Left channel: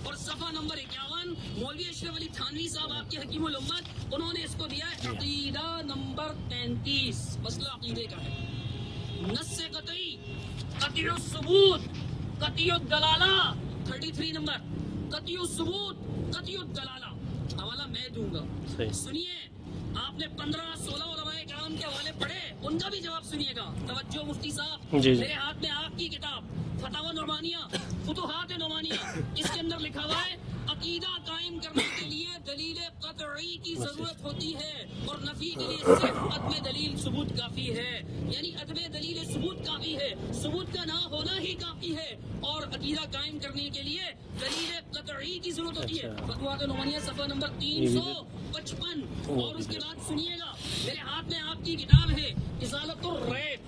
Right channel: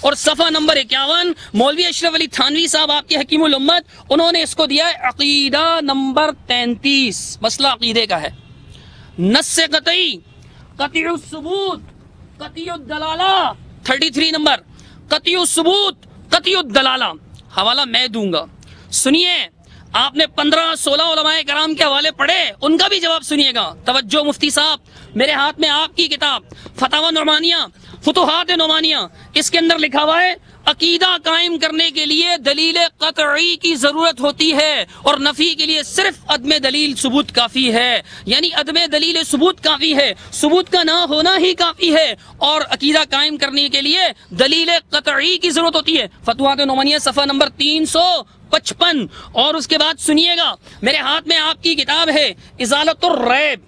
اور صفحہ نمبر 51 مولوی اشرف علی تھانوی صاحب آپ کے حکیم الامت، انہوں نے اس کو دیا ہے عقیدہ نمبر 33، مسئلہ عقیدے کا ہے۔ نص قطعی، قطعی الثبوت، قطعی الدلالہ، 33 نمبر، قطعی الثبوت، قطعی الدلالہ، حوالہ میں دوں گا، سنیے۔ آپ نے 15-16 علماء کرام کے حوالے پڑھے، ان کا بھی جواب سنیے گا۔ توجہ مفتی صاحب، میرے ہاتھ میں آپ کی کتاب فتاوی نعمانیہ، فتوحات نعمانیہ، اس کے اندر لکھا ہوا ہے عقیدہ قائم کرنے کے لیے دلیل قطعی کی ضرورت ہوتی ہے اور نفی کے لیے صرف عدم دلیل ثبوت کافی ہے، یعنی عدم دلیل ثبوت کافی ہے، ثبوت کا نہ ہونا ہی کافی ہے، اور عقیدہ قائم کرنے کے لیے دلیل قطعی کی ضرورت ہوتی ہے۔ فتوحات نعمانیہ صفحہ نمبر 355۔ اور اس کے بعد سنیے گا، میرے ہاتھ میں آپ کی کتاب ہے ازالۃ الریب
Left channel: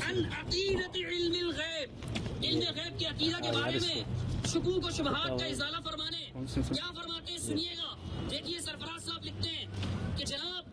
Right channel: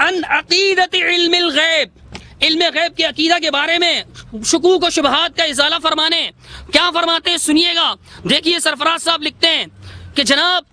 عن عقیدۃ علم الغیب، علم غیب کے عقیدہ کے بارے میں شکوک و شبہات کا ازالہ فرمانے، کیا فرماتے ہیں سنیے گا۔ دیکھیے سرفراز صاحب لکھتے ہیں کہ جناب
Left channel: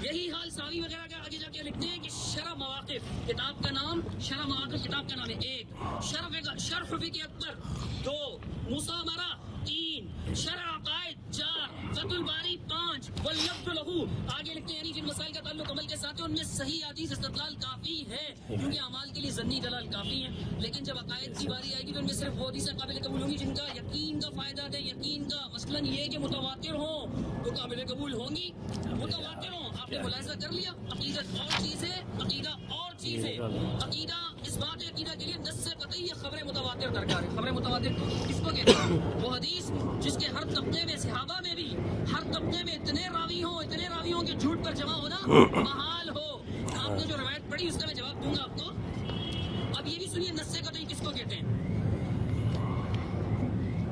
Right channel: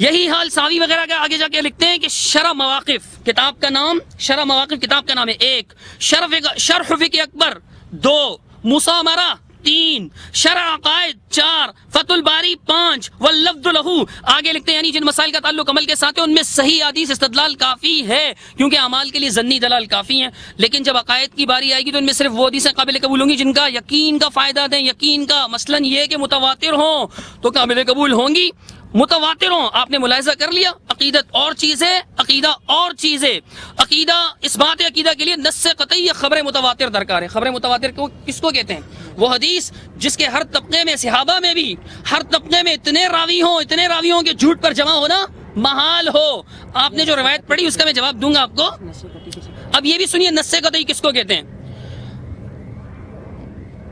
یہی حال ساوی وغیرہ کا آگے جا کے لکھتے ہیں کہ شرح مواقف، کتاب کا نام شرح مواقف، کتاب کا نام ہے 1، شرح فقہ اکبر 2، مسامرہ 3، شرح عقائد 4، فتح الباری 5، واللفظ لہو، آگے لکھتے ہیں یعنی جن مسائل کا تعلق عمل کے ساتھ ہے ان میں صحیح حدیث استدلال کافی ہے، کیونکہ اعمال کے لیے ظنی دلال کافی ہیں، لیکن جب عقائد کی باری آئے گی تو ان میں صرف وہ حدیثیں قابل قبول ہوں گی جن کا یقین کا فائدہ دیں، یقین کا، مثلا یہ کہ متواتر ہوں تو قابل قبول ہوں گی، متواتر ہوں۔ آپ نے ملاحظہ کر لیا، عقیدت اور چیز ہے، عقیدہ اور چیز ہے۔ عقیدہ، اس بات عقیدہ کے لیے نص قطعی یا خبر متواتر درکار ہے۔ خبر متواتر کو کس کو کہتے ہیں؟ وہ حدیث جس کے ہر طبقے میں، صحابہ میں بھی ہر طبقے میں اتنے راوی ہوں کہ جھوٹ پر جمع ہونا محال ہو۔ آپ نے جو روایت پڑھی اس کا میں جواب دوں گا آپ کو۔ اب یہ بھی سنیے نص قطعی کس کو کہتے ہیں۔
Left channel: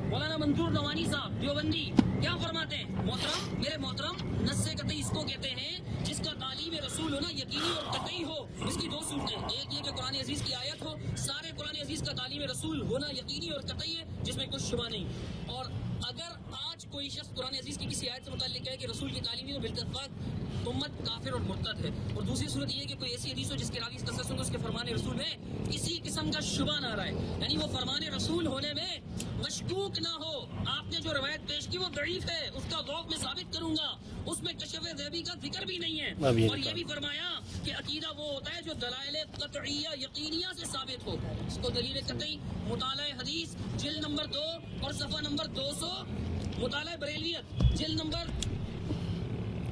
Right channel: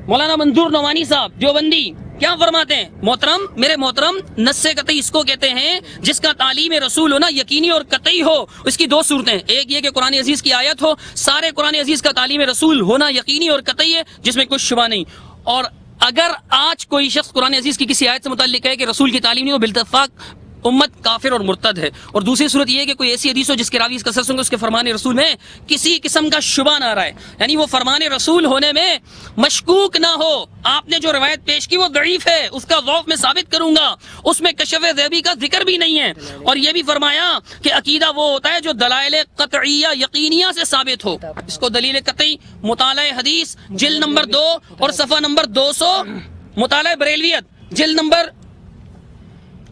مولانا منظور نعمانی صاحب دیوبندی کیا فرماتے ہیں؟ محترم، میرے محترم، نص قطعی اس کو کہتے ہیں جس کا تعلیم رسول ہونا یقینی اور قطعی ہو۔ اس کی دو صورتیں، ایک یہ کہ قرآن عزیز کی آیت ہو، سارے قرآن عزیز کا تعلیم رسول ہونا یقینی اور قطعی ہے جس میں کچھ شبہ نہیں، اور اگر آج کوئی شخص قرآن عزیز کی کسی آیت سے متعلق کہے کہ رسول کی تعلیم نہیں ہو، بالاتفاق امت کافر اور مرتد ہے۔ اور دوسری صورت یہ ہے کہ کوئی ایسی حدیث ہو جس کے راوی اس کا سر سنگ اس کے فرمان رسول میں کسی قسم کا شبہ نہ رہے، یعنی وہ فرمان رسول ہونے میں مشکوک نہ ہو۔ آپ نے جو روایت پیش کی وہ ضعیف ہے، اس کا ضعف میں ثابت کروں گا، اس میں کشف ذیبی کا ذکر بھی نہیں ہے۔ اور یہ بھی فرمایا کہ عقیدہ وہ ہوتا ہے جو دلائل قطعیہ یقینیہ سے ثابت ہو۔ اس کو دلیل قطعی مطالعہ حدیث جلد نمبر 2 اور صفحہ نمبر 200، مطالعہ بریلویت جلد نمبر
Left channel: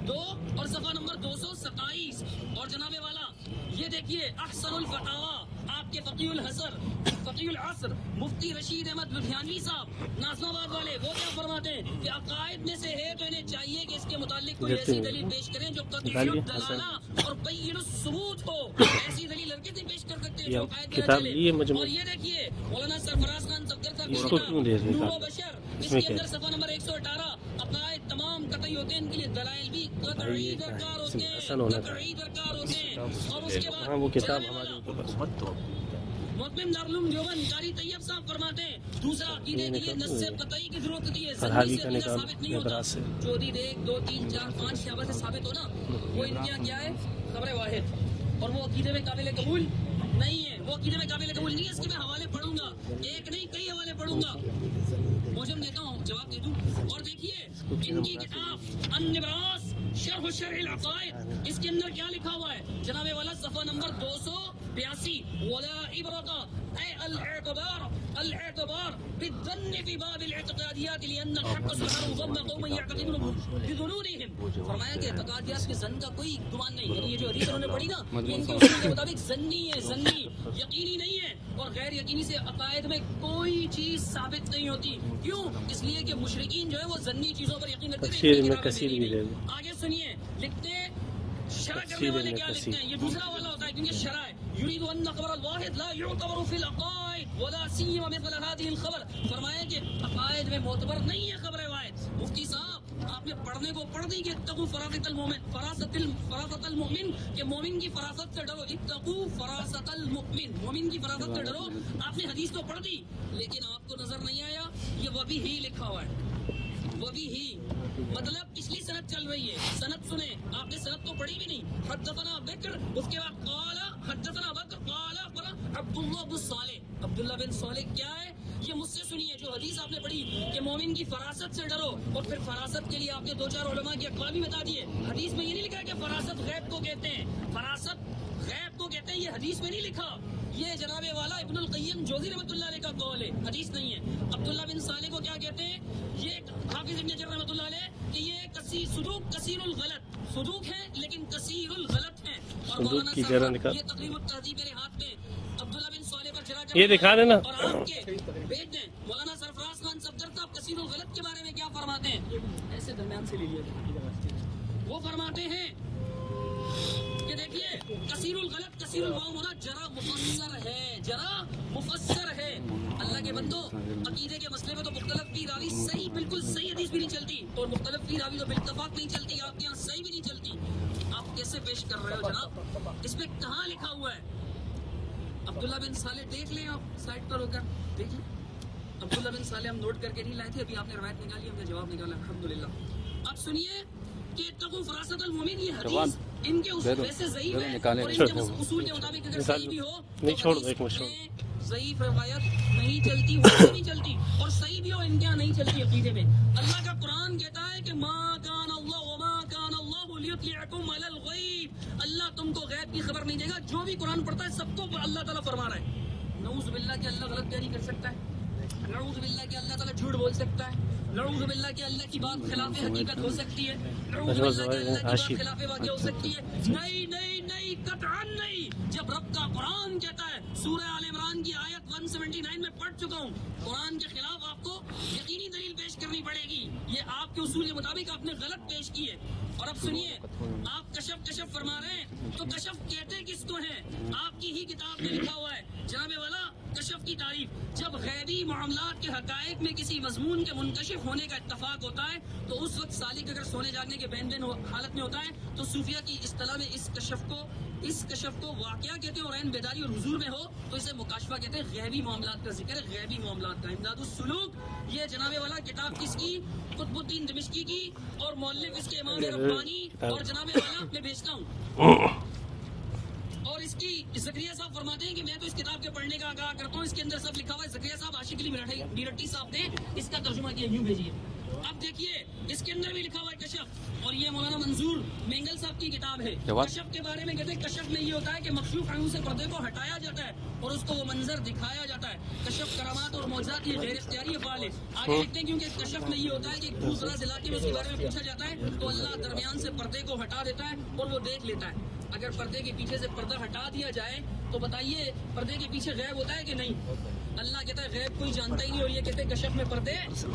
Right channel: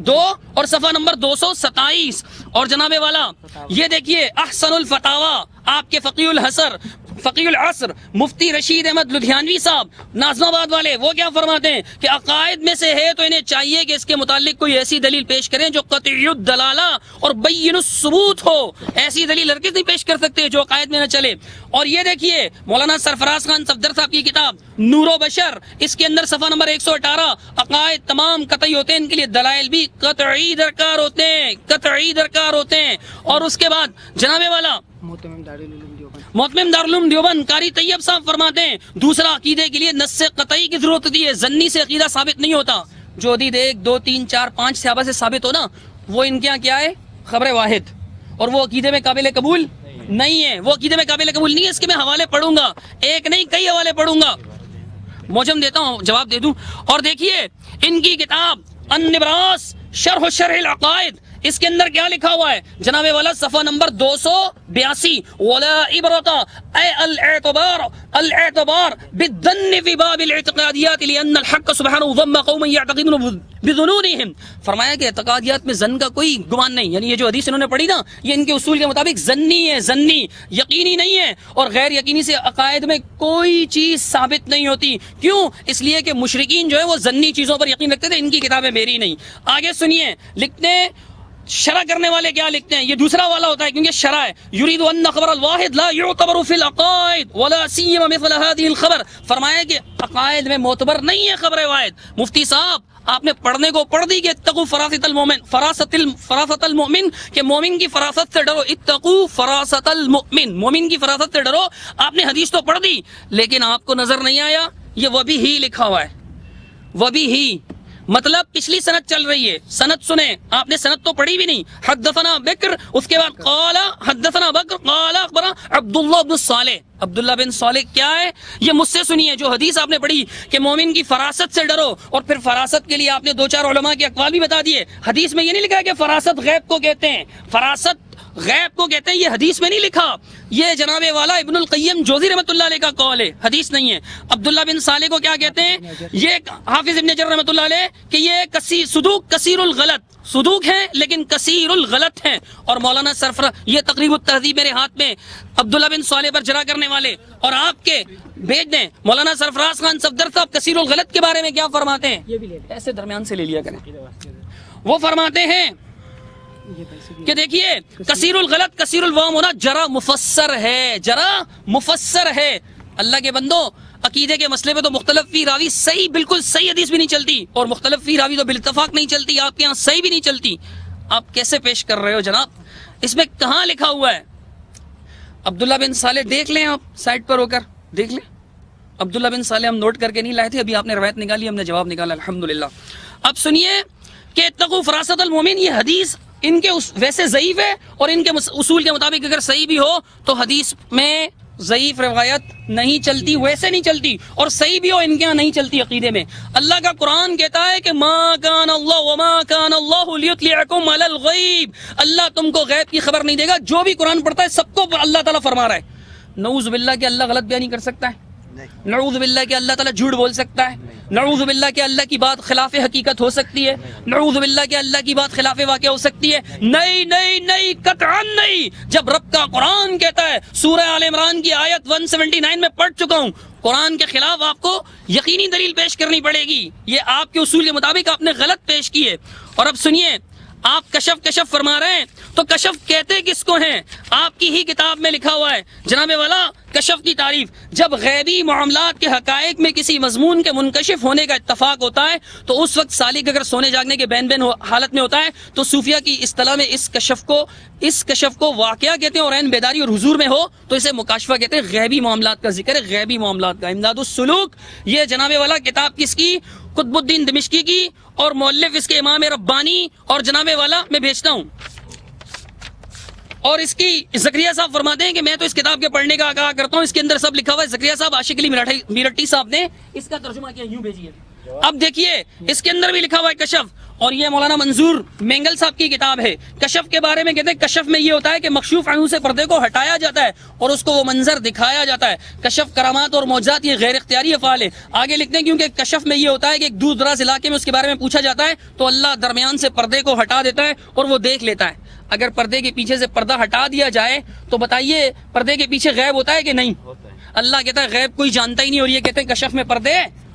2 اور صفحہ نمبر 227۔ اور جناب والا یہ دیکھیے احسن الفتاوی، آپ کے فقیہ العصر مفتی رشید احمد لدھیانوی صاحب ناظم آباد والے، وہ کیا فرماتے ہیں کہ عقائد میں سے ہے تو انہیں چاہیے کہ اس کے متعلق کوئی ایسی دلیل پیش کریں جو قطعی الدلالہ اور بین الثبوت ہو۔ ایسی دلیل ہرگز نہیں پیش کر سکتے جو عقائد میں نہ چلے۔ اور یہ دیکھیے مولانا سرفراز خان صفدر صاحب کی کتاب نور و بشر، اس کے اندر صفحہ نمبر 118، عقائد تمام قطعی ہوتے ہیں، ان کے لیے دلائل بھی قطعی درکار ہوتے ہیں، قطعی درکار ہوتے ہیں۔ اور اس کے بعد جناب والا محتمم دارالعلوم دیوبند قاری طیب صاحب فرماتے ہیں دوسرا عقیدے کے لیے نص قطعی کی ضرورت ہوتی ہے، ظنی سے عقیدہ ثابت نہیں ہوتا۔ جو حدیث 1 2 3 4 5 صحابہ سے ثابت ہو نا، وہ ان کے یہاں کیا ہے؟ خبر واحد، اور وہ عقیدے میں قابل قبول نہیں ہے، وہ عقیدے میں قابل قبول نہیں ہے۔ اس کے میں حوالے پڑھوں گا، ایک نہیں کئی حوالے پڑھوں گا، موجم دیتا ہوں جواب دے دوں۔ اور دیکھیے ان کی کتاب النبراس شرح العقائد، اس کے اندر کیا لکھا ہوا ہے جناب والا؟ صفحہ نمبر 282، ولا عبرت اے الاعتبار بالظن في باب الاعتقادیات لان الحق سبحانه ضم قوم يعتقدون بظنونهم۔ فرمایا کہ اعتقادیات میں ظن کا کوئی گمان نہیں، یعنی یہ جو حدیث انہوں نے پڑھی نا یہ ان کے اصول کے مطابق ظنی ہے، ظنی یقینی نہیں ہے، اور غیر یقینی سے عقائد میں کوئی چیز ثابت نہیں ہوتی۔ کیوں؟ اس لیے کہ مشرکین جو ہے وہ ظنی چیزوں پر یقین رکھتے تھے، ان کی کتابیں میری نہیں۔ آگے سنیے، لکھتے ہیں شرح کرنے والے کیا لکھتے ہیں، یہ دوسرا والا ہوتا ہے کیونکہ شرح ہے، یرید ان خبر الواحد لا يعتبر في العقائد ولا سيما مثل هذه الخبر۔ فرمایا کہ عقائد میں معتبر نہیں ہے خبر واحد۔ مفتی صاحب آپ نے پڑھنے کو پڑھ دی کہ اتقوا فراست المؤمن، فراست المؤمن، کہ مومن کی فراست سے ڈرو، اتقوا فراست المؤمن، مومن کی فراست سے ڈرو۔ آپ نے حدیث تو پڑھ دی لیکن آپ کو نظر نہیں آیا یہ وہ بھی ہی لکھا ہوا ہے، وہ بھی ہی مطلب پچھلی سند چل رہی ہے، سند سنیں، آپ نے سند تو پڑھی بھی نہیں. حدثنا بکر، اس کے بعد قال حدثنا بکر قال اخبرنا عبداللہ بن صالح. عبداللہ بن صالح کیا ہے؟ یہ مجھ سے سنیے. جو حدیث آپ نے پڑھی کہ مومن کی فراست سے ڈرو، اور پھر فراست کے لیے آپ نے 2-4 علماء کے اقوال بھی بتا دیے. حدیث میں یہ نہیں لکھا ہے کہ فراست غیب کو کہتے ہیں، فراست غیب کو کہتے ہیں، یہ حدیث میں نہیں لکھا. یہ جناب والا ابن القیم جوزی رحمۃ اللہ علیہ کا قول ہے، حدیث نہیں ہے. عبداللہ بن صالح کو کیا کہتے ہیں؟ یہ حافظ ابن حجر رحمۃ اللہ علیہ کہ یہ صدوق کثیر الغلط، صدوق ہیں لیکن کثیر الغلط ہیں. اور مولانا سرفراز، یہ تقریب التہذیب میرے ہاتھ میں، عبداللہ بن صالح پر جرا کرنے والے اور آپ کے بھیج دیں. مولانا سرفراز خان صفدر صاحب کثیر الغلط کے بارے میں کیا فرماتے ہیں؟ ایسے درمیان سے لے لیا کریں. وہ فرماتے ہیں کہ دیکھیے کثیر الغلط کثیر الوام ہونا جرا مفسر ہے، جرا مفسر ہے. اللہ کے بندو، عقیدے کے مسئلے پہ تو مختلف فی راوی صحیح، بالکل صحیح حدیث بھی نہیں چلتی، اور مختلف فی راوی تو بالاتفاق نہیں چلتی. آپ کے ہاں صحیح بھی نہیں چلتی. آپ کیسے پیش کر رہے ہو جناب؟ اس میں کہاں لکھا ہوا ہے؟ عبداللہ بن صالح دیکھ لیں، آپ سائٹ پر ہو کر دیکھ لیں. عبداللہ بن صالح ہم نوٹ کر کے نہیں لائے تھے، ابھی آپ نے روایت نکالی، ہم نے جواب نکالا الحمدللہ. اب سنیے کہ اتقوا فراست المومن، یہ حدیث ان کے ویسے ضعیف ہے، اور ان کے اصول کے مطابق اگر صحیح بھی ہو تو حدیث میں ضعیف روایت نہیں چلتی، ویسے نہیں چلتی، اور صحیح بھی ہو ان کے یہاں نہیں چلتی عقیدے میں. اللہ کا قرآن کہتا ہے کہ ما کان اللہ وما کان اللہ لیطلعکم علی الغیب، اللہ تم کو غیب کی خبر نہیں دے گا. جو بھی قرآن پڑھتا ہے سب کو اللہ تعالیٰ فرما رہا ہے. نعوذ باللہ کہ اللہ غلط بیانی کر سکتا ہے، نعوذ باللہ کہ اللہ تعالیٰ جھوٹ بول سکتا ہے، نعوذ باللہ کہ اللہ کی بات خلاف حقیقت ہو سکتی ہے، نعوذ باللہ کہ اللہ کی بات خلاف واقع ہو سکتی ہے. نہیں نہیں نہیں، قطعاً نہیں. جب رب کا قرآن کہتا ہے، سورہ آل عمران کی آیت 179 میں پڑھ چکا ہوں، قرآن کے خلاف آپ کو یقینی دلیل پیش کرنی پڑے گی. یہ آپ کے اصول کے مطابق آپ نے غلط پیش کی ہے. اور اب سنیے، آپ کشف فرما رہے ہیں، تو کشف کہتے کس کو ہیں؟ آپ کی ہی کتاب میں لکھا ہوا ہے جناب والا کشف کی تعریف. جب غیبی معاملات کے حقائق میں کسی مضمون کے منکشف ہونے کا اتفاق ہوتا ہے تو اس وقت سالک اگر سونے جاگنے کے بین حالت میں ہوتا ہے تو صوفیہ کی اصطلاح میں اس کشف کو واقعہ کہتے ہیں، اور عین بیداری اور حضور میں ہو تو اسے مکاشفہ کہتے ہیں. غیبی معاملات کا ذکر ہے، غیبی معاملات کا. امداد السلوک، یہ جناب والا کتاب کس کی؟ قطب الدین دمشقی کی، اور مؤلف اس کے امام ربانی، اور جناب والا میں بھیجتا ہوں. اور اس کی زکریا صاحب فرماتے ہیں کہ میں تو اس کتاب کے پڑھنے کا کہا کرتا ہوں، اس کے اندر سب لکھا ہوا ہے. زکریا صاحب عاشق علی میرٹھی صاحب نے اس کا ترجمہ کیا، یوں بھیجیے. اب دیکھیے اس کے اندر بھی لکھا ہوا ہے کشف، اور یہ مولانا منظور مینگل صاحب کی کتاب ہے. کشف کے بارے میں کہتے ہیں کشف میں یہ ہوتا ہے کہ مکشوف عنہ سے پردے کو ہٹایا جاتا ہے اور اس کو وہ منظر دکھایا جاتا ہے. کشف کرامات اور معجزات یہ غیر اختیاری افعال ہے. آگے لکھتے ہیں کیونکہ کشف میں یہ ہوتا ہے کہ ایک دور دراز علاقے میں اس کے بارے میں پوچھا جاتا ہے تو اللہ درمیان سے پردے کو ہٹا دیتا ہے اور وہ دیکھ لیتا ہے. اگر پردے کے پیچھے سے پردہ ہٹا دیا جائے تو بتائیے پردے کے پیچھے غیب ہوتا ہے کہ نہیں؟ اللہ کہتا ہے غیب کوئی جانتا ہی نہیں، اور یہ کہتے ہیں کشف میں پردے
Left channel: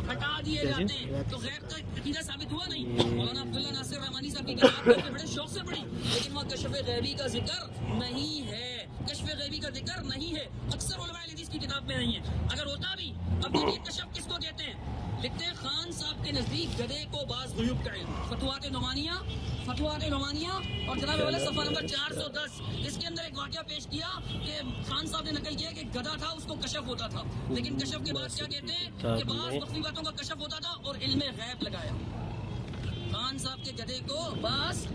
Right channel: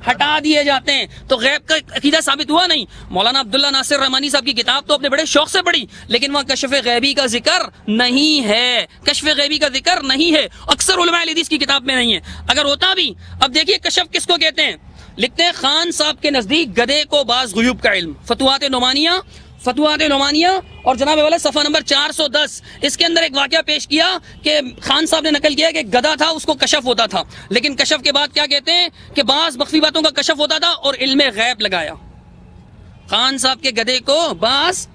ہٹا دیے جاتے ہیں. تو غیب کا عقیدہ ثابت ہوا نہیں. مولانا عبداللہ ناصر رحمانی صاحب کی کتاب تو اپنے بڑے شوق سے پڑھی، لیکن وہاں کشف غیبی کا ذکر نہیں ہے، کشف غیبی کا ذکر نہیں ہے. اکثر علماء حدیث کی کتاب میں نہیں ہے. اگر ہوتا بھی، اب دیکھیے کشف کس کو کہتے ہیں. لکھتے ہیں خان صاحب کے نزدیک گدھے کو بعض غیوب کا علم. فتوحات نعمانیہ اور جناب والا صفحہ نمبر 410، اس کے اندر ایک واقعہ پیش کیا کہ خان صاحب نے نقل کیا کہ گدھا تھا، اس کو کشف ہوتا تھا، لیکن کشف کے بعد کیا کہتے ہیں کہ بعض مخفی باتوں کا کشف ہوتا تھا اور علم غیب لگایا. خان صاحب کے گدھے کو بعض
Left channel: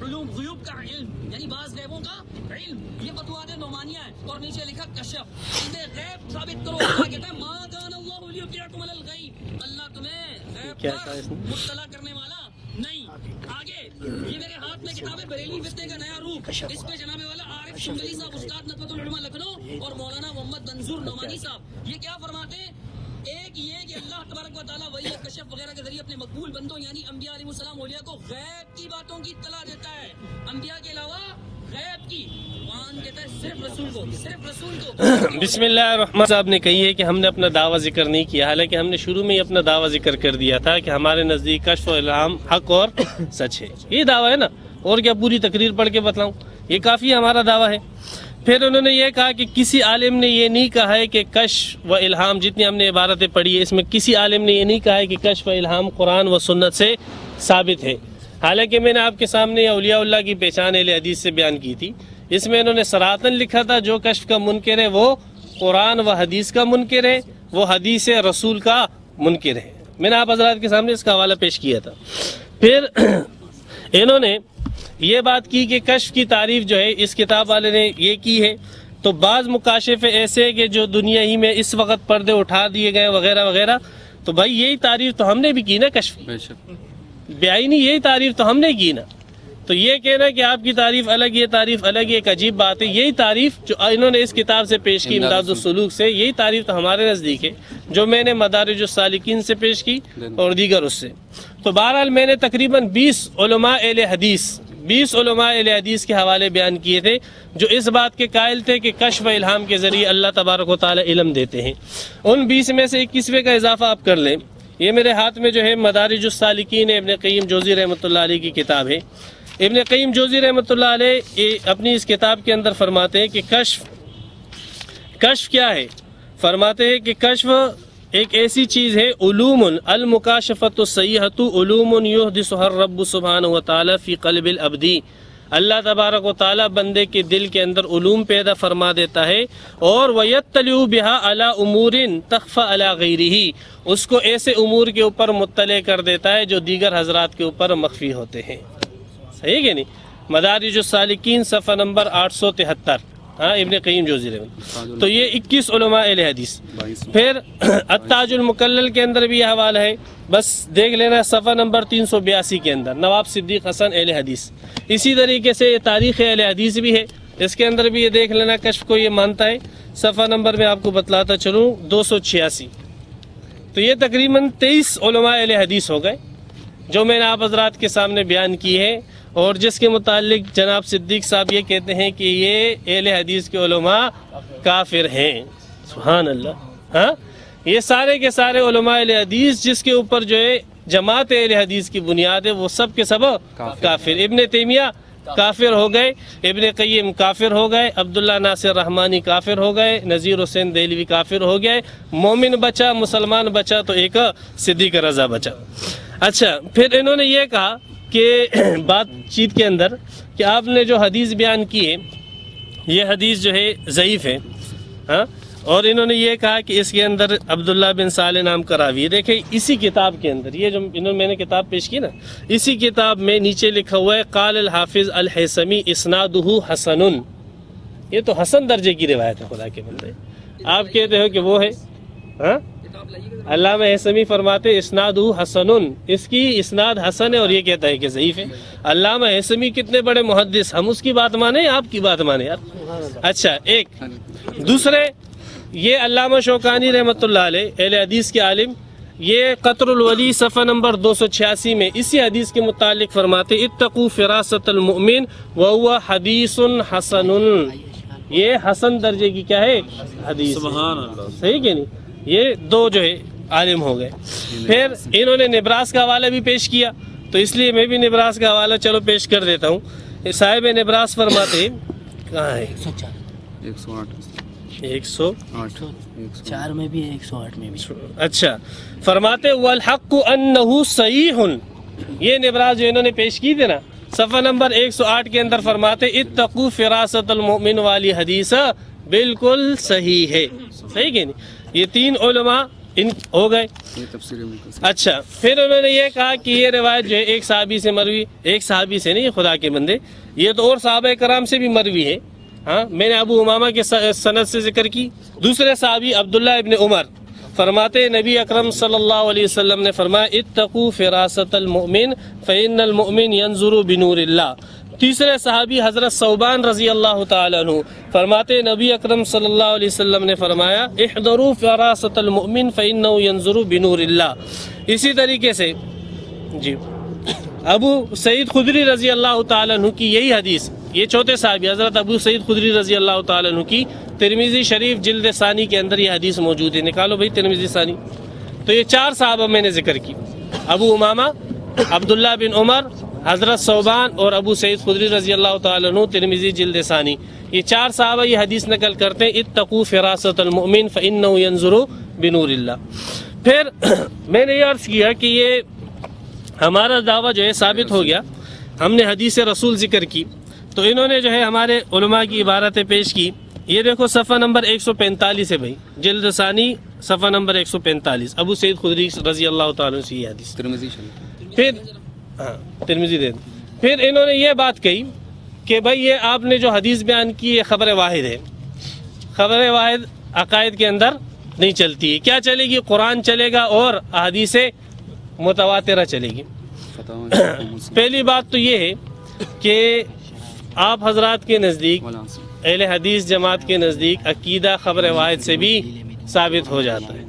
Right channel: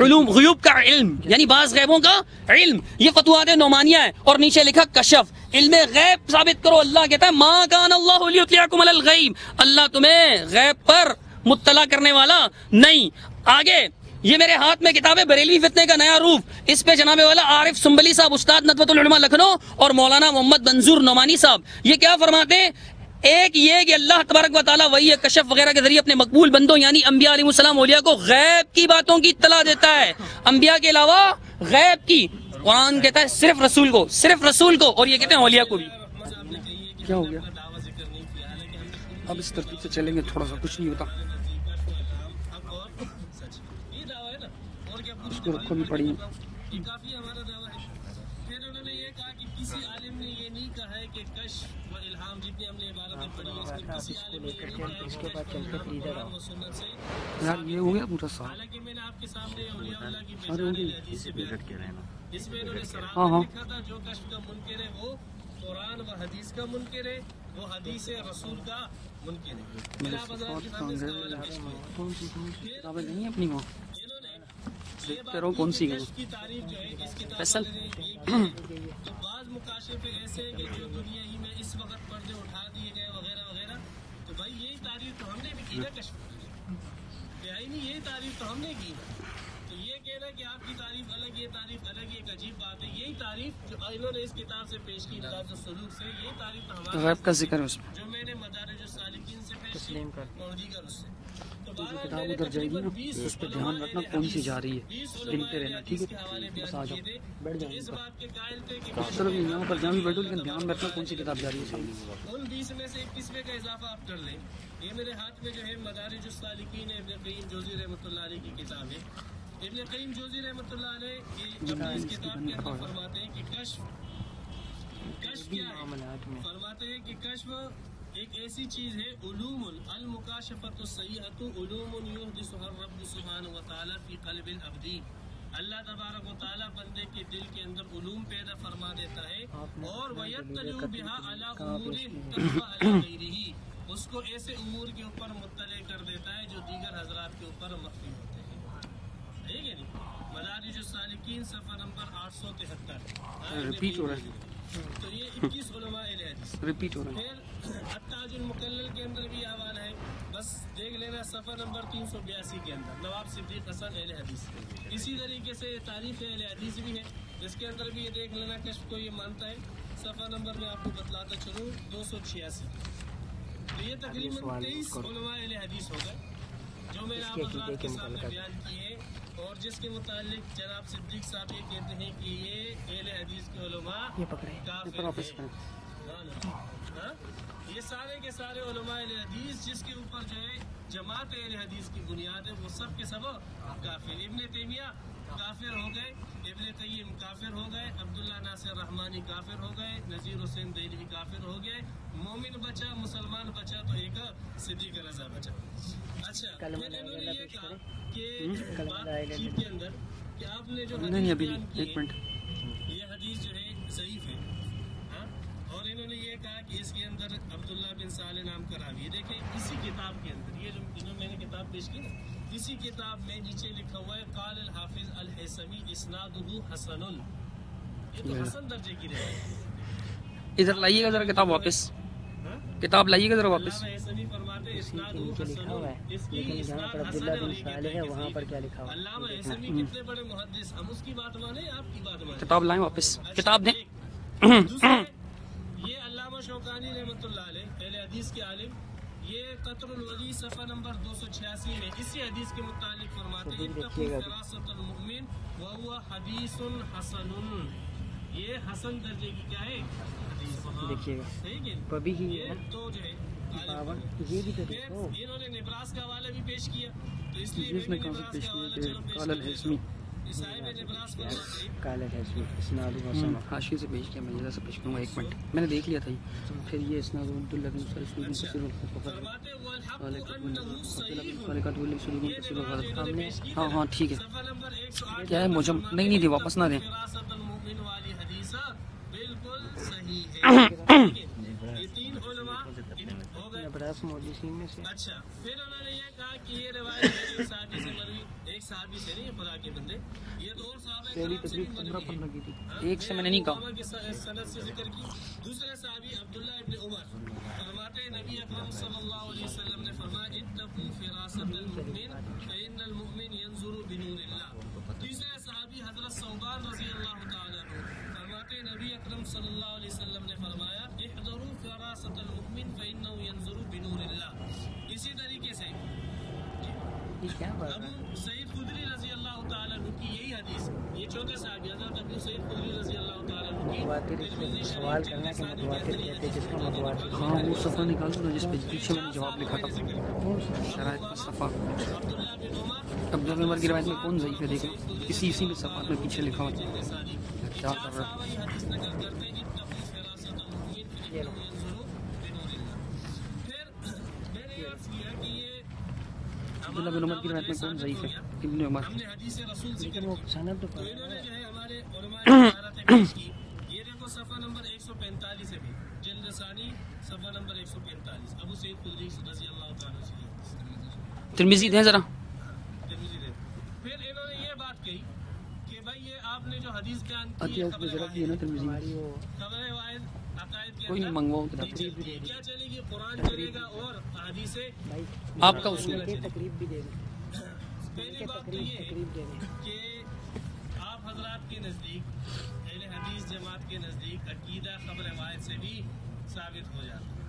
علوم غیوب کا علم، یعنی بعض غیبوں کا علم، یہ فتوحات نعمانیہ ہے. اور نیچے لکھا کشف، علم غیب ثابت کرو. اللہ کہتا ہے ما کان اللہ لیطلعکم علی الغیب، اللہ تمہیں غیب پر مطلع کرنے والا نہیں. آگے یہ میرے ہاتھ میں کتاب ہے بریلوی فتنے کا نیا روپ، اس پہ جناب والا عارف سنبلی صاحب استاد ندوۃ العلماء لکھنؤ اور مولانا محمد منظور نعمانی صاحب یہ کیا فرماتے ہیں. ایک یہ کہ اللہ تبارک و تعالیٰ وہی کشف وغیرہ کے ذریعے اپنے مقبول بندوں یعنی انبیاء علیہ السلام اولیاء کو غیب کی باتوں کی اطلاع دیتا ہے، انبیاء کے علاوہ غیب کی. قرآن کہتا ہے صرف رسول کو، اور یہ کہتے ہیں بسم اللہ الرحمن صاحب نے کہی ہے کہ ہم نے اپنا دعویٰ ذکر نہیں کیا، حالانکہ ہم نے شروع میں ہی اپنا دعویٰ ذکر کر دیا تھا کہ ہمارے نزدیک کشف و الہام حق اور سچ ہے. یہ دعویٰ ہے نا، اور کیا پوری تقریر پڑھ کے بتلاؤں؟ یہ کافی ہمارا دعویٰ ہے. پھر انہوں نے یہ کہا کہ کسی عالم نے یہ نہیں کہا ہے کہ کشف و الہام، جتنی ہم نے عبارتیں پڑھی ہے اس میں کسی عالم نے یہ نہیں کہا ہے کہ کشف و الہام قرآن و سنت سے ثابت ہے. حالانکہ میں نے آپ کے سامنے اولیاء اللہ کی پہچان اہل حدیث سے بیان کی تھی. اس میں انہوں نے صراحتاً لکھا تھا جو کشف کا منکر ہے وہ قرآن و حدیث کا منکر ہے، وہ حدیث رسول کا منکر ہے. میں نے آپ حضرات کے سامنے اس کا حوالہ پیش کیا تھا. پھر انہوں نے یہ بات کی کہ کشف کی تعریف جو ہے اس کتاب والے نے یہ کی ہے. تو بعض مکاشفے ایسے کہ جو دنیا ہی میں اس وقت پردے اٹھا دیے گئے وغیرہ وغیرہ. تو بھائی یہی تعریف تو ہم نے بھی کی نا کشف کی, بیائی یہی تعریف تو ہم نے کی نا. تو یہ کہنا کہ آپ کی تعریف الگ یہ تعریف الگ ایک عجیب بات ہے. یہی تعریف جو انہوں نے اس کتاب سے پیش کی امداد السلوک سے, یہی تعریف تو ہمارے نزدیک ہے جو میں نے مدارج السالکین سے پیش کی اور دیگر اس سے. تو بہرحال میں نے تقریباً 20 علماء اہل حدیث کے حوالے بیان کیے تھے جو اس بات کے قائل تھے کہ کشف و الہام کے ذریعے اللہ تبارک و تعالی علم دیتے ہیں. ان 20 میں سے 21ویں کا اضافہ آپ کر لیں. یہ میرے ہاتھ میں جو ہے مدارج السالکین ابن قیم جوزی رحمۃ اللہ علیہ کی کتاب ہے. ابن قیم جوزی رحمۃ اللہ علیہ اپنی اس کتاب کے اندر فرماتے ہیں کہ کشف کیا ہے. فرماتے ہیں کہ کشف ایک ایسی چیز ہے, علوم المکاشفۃ الصحیحۃ علوم یحدثها الرب سبحانہ و تعالی فی قلب العبد. اللہ تبارک و تعالی بندے کے دل کے اندر علوم پیدا فرما دیتا ہے اور ویطلع بها علی امور تخفى علی غیرہ, اس کو ایسے امور کے اوپر مطلع کر دیتا ہے جو دیگر حضرات کے اوپر مخفی ہوتے ہیں. صحیح کہ نہیں؟ مدارج السالکین صفحہ نمبر 873, ابن قیم جوزی رحمۃ. تو یہ 21 علماء اہل حدیث. پھر التاج المکلل کے اندر بھی یہ حوالہ ہے, بس دیکھ لینا صفحہ نمبر 382 کے اندر, نواب صدیق حسن اہل حدیث. اسی طریقے سے تاریخ اہل حدیث بھی ہے, اس کے اندر بھی یہ دیکھ لینا کشف کو یہ مانتا ہے. صفحہ نمبر میں آپ کو بتلاتا چلوں 286. تو یہ تقریباً 23 علماء اہل حدیث ہو گئے جو میں نے آپ حضرات کے سامنے بیان کی ہے, اور جس کے متعلق جناب صدیق صاحب یہ کہتے ہیں کہ یہ اہل حدیث کے علماء کافر ہیں. سبحان اللہ. یہ سارے کے سارے علماء اہل حدیث جس کے اوپر جو ہے جماعت اہل حدیث کی بنیاد ہے وہ سب کے سب کافر. ابن تیمیہ کافر ہو گئے, ابن قیم کافر ہو گئے, عبداللہ ناصر رحمانی کافر ہو گئے, نذیر حسین دہلوی کافر ہو گئے. مومن بچا, مسلمان بچا تو ایک صدیق رضا بچا. اچھا, پھر انہوں نے یہ کہا کہ بات چیت کے اندر کہ آپ نے جو حدیث بیان کی ہے یہ حدیث جو ہے ضعیف ہے, اور انہوں نے یہ کہا کہ اس کے اندر عبداللہ بن صالح نام کا راوی ہے. دیکھیں اسی کتاب کے اندر, یہ جو میں نے کتاب پیش کی نا, اسی کتاب میں نیچے لکھا ہوا ہے قال الحافظ الحیثمی اسنادہ حسن. یہ تو حسن درجے کی روایت ہے خدا کے بندے. آپ کہتے ہو کہ وہ ہے کتاب لائیے گا. علامہ حیثمی فرماتے اسنادہ حسن, اس کی اسناد حسن ہے, اور یہ کہتا ہے کہ ضعیف ہے. علامہ حیثمی کتنے بڑے محدث, ہم اس کی بات مانیں آپ کی بات مانیں. اچھا, ایک دوسرے یہ علامہ شوکانی رحمۃ اللہ علیہ اہل حدیث کے عالم, یہ قطر الولی صفحہ نمبر 286 میں اسی حدیث کے متعلق فرماتے اتقوا فراست المؤمن وهو حدیث حسن. یہ حسن درجے کی کیا ہے حدیث. سبحان اللہ. صحیح کہ نہیں؟ یہ دو جو ہے عالم ہو گئے. پھر انہوں نے نبراس کا حوالہ بھی پیش کیا, تو اس لیے میں بھی نبراس کا حوالہ چلو پیش کر دیتا ہوں. صاحب نبراس فرماتے کہاں ہے 104 میں بھی 108 میں بھی. اچھا, فرماتے والحق انہ صحیح. یہ نبراس جو انہوں نے پیش کی تھی نا صفحہ نمبر 108 کے اندر فرماتے اتقوا فراست المؤمن والی حدیث بالکل صحیح ہے. ٹھیک ہے, یہ 3 علماء ان ہو گئے. اچھا, پھر انہوں نے یہ کہا کہ یہ روایت جو ہے ایک صحابی سے مروی, ایک صحابی سے نہیں خدا کے بندے, یہ تو اور صحابہ کرام سے بھی مروی ہے. میں نے ابو امامہ کے سند سے ذکر کی. دوسرے صحابی عبداللہ ابن عمر فرماتے نبی اکرم صلی اللہ علیہ وسلم نے فرمایا اتقوا فراست المؤمن فإن المؤمن ينظر بنور اللہ. تیسرے صحابی حضرت ثوبان رضی اللہ تعالیٰ عنہ فرماتے نبی اکرم صلی اللہ علیہ وسلم نے فرمایا احذروا فراست المؤمن فإنه ينظر بنور اللہ. اسی طریقے سے جی ابو سعید خدری رضی اللہ تعالیٰ عنہ کی یہی حدیث, یہ چوتھے صحابی حضرت ابو سعید خدری رضی اللہ تعالیٰ عنہ کی ترمذی شریف جلد ثانی کے اندر یہ حدیث موجود ہے. نکالو بھائی ترمذی ثانی. تو یہ 4 صحابہ میں نے ذکر کی, ابو امامہ, عبداللہ بن عمر, حضرت ثوبان اور ابو سعید خدری رضی اللہ تعالیٰ عنہ ترمذی جلد ثانی. یہ 4 صحابہ یہ حدیث نقل کرتے ہیں اتقوا فراست المؤمن فإنه ينظر بنور اللہ. پھر میں نے یہ عرض کیا کہ یہ ہمارا دعویٰ جو ہے ثابت ہو گیا. ہم نے حدیث رسول ذکر کی, تو انہوں نے جو ہے ہمارے علماء کی عبارتیں پیش کی. یہ دیکھو صفحہ نمبر 145 ہے بھائی, جلد ثانی صفحہ نمبر 145 ابو سعید خدری رضی اللہ تعالیٰ عنہ سے یہ حدیث. ترمذی دیں ذرا. ہاں ترمذی دے دیں. پھر انہوں نے یہ بات کہی کہ بھائی یہ آپ نے جو حدیث بیان کی ہے خبر واحد ہے. خبر واحد عقائد کے اندر نہیں چلتی ہے. کیا چلے گی؟ قرآن چلے گا اور احادیث متواترہ چلے گی. پہلی بات تو یہ ہے کہ آپ حضرات کے نزدیک اہل حدیث جماعت کے نزدیک عقیدہ خبر واحد سے بھی ثابت ہو جاتا ہے.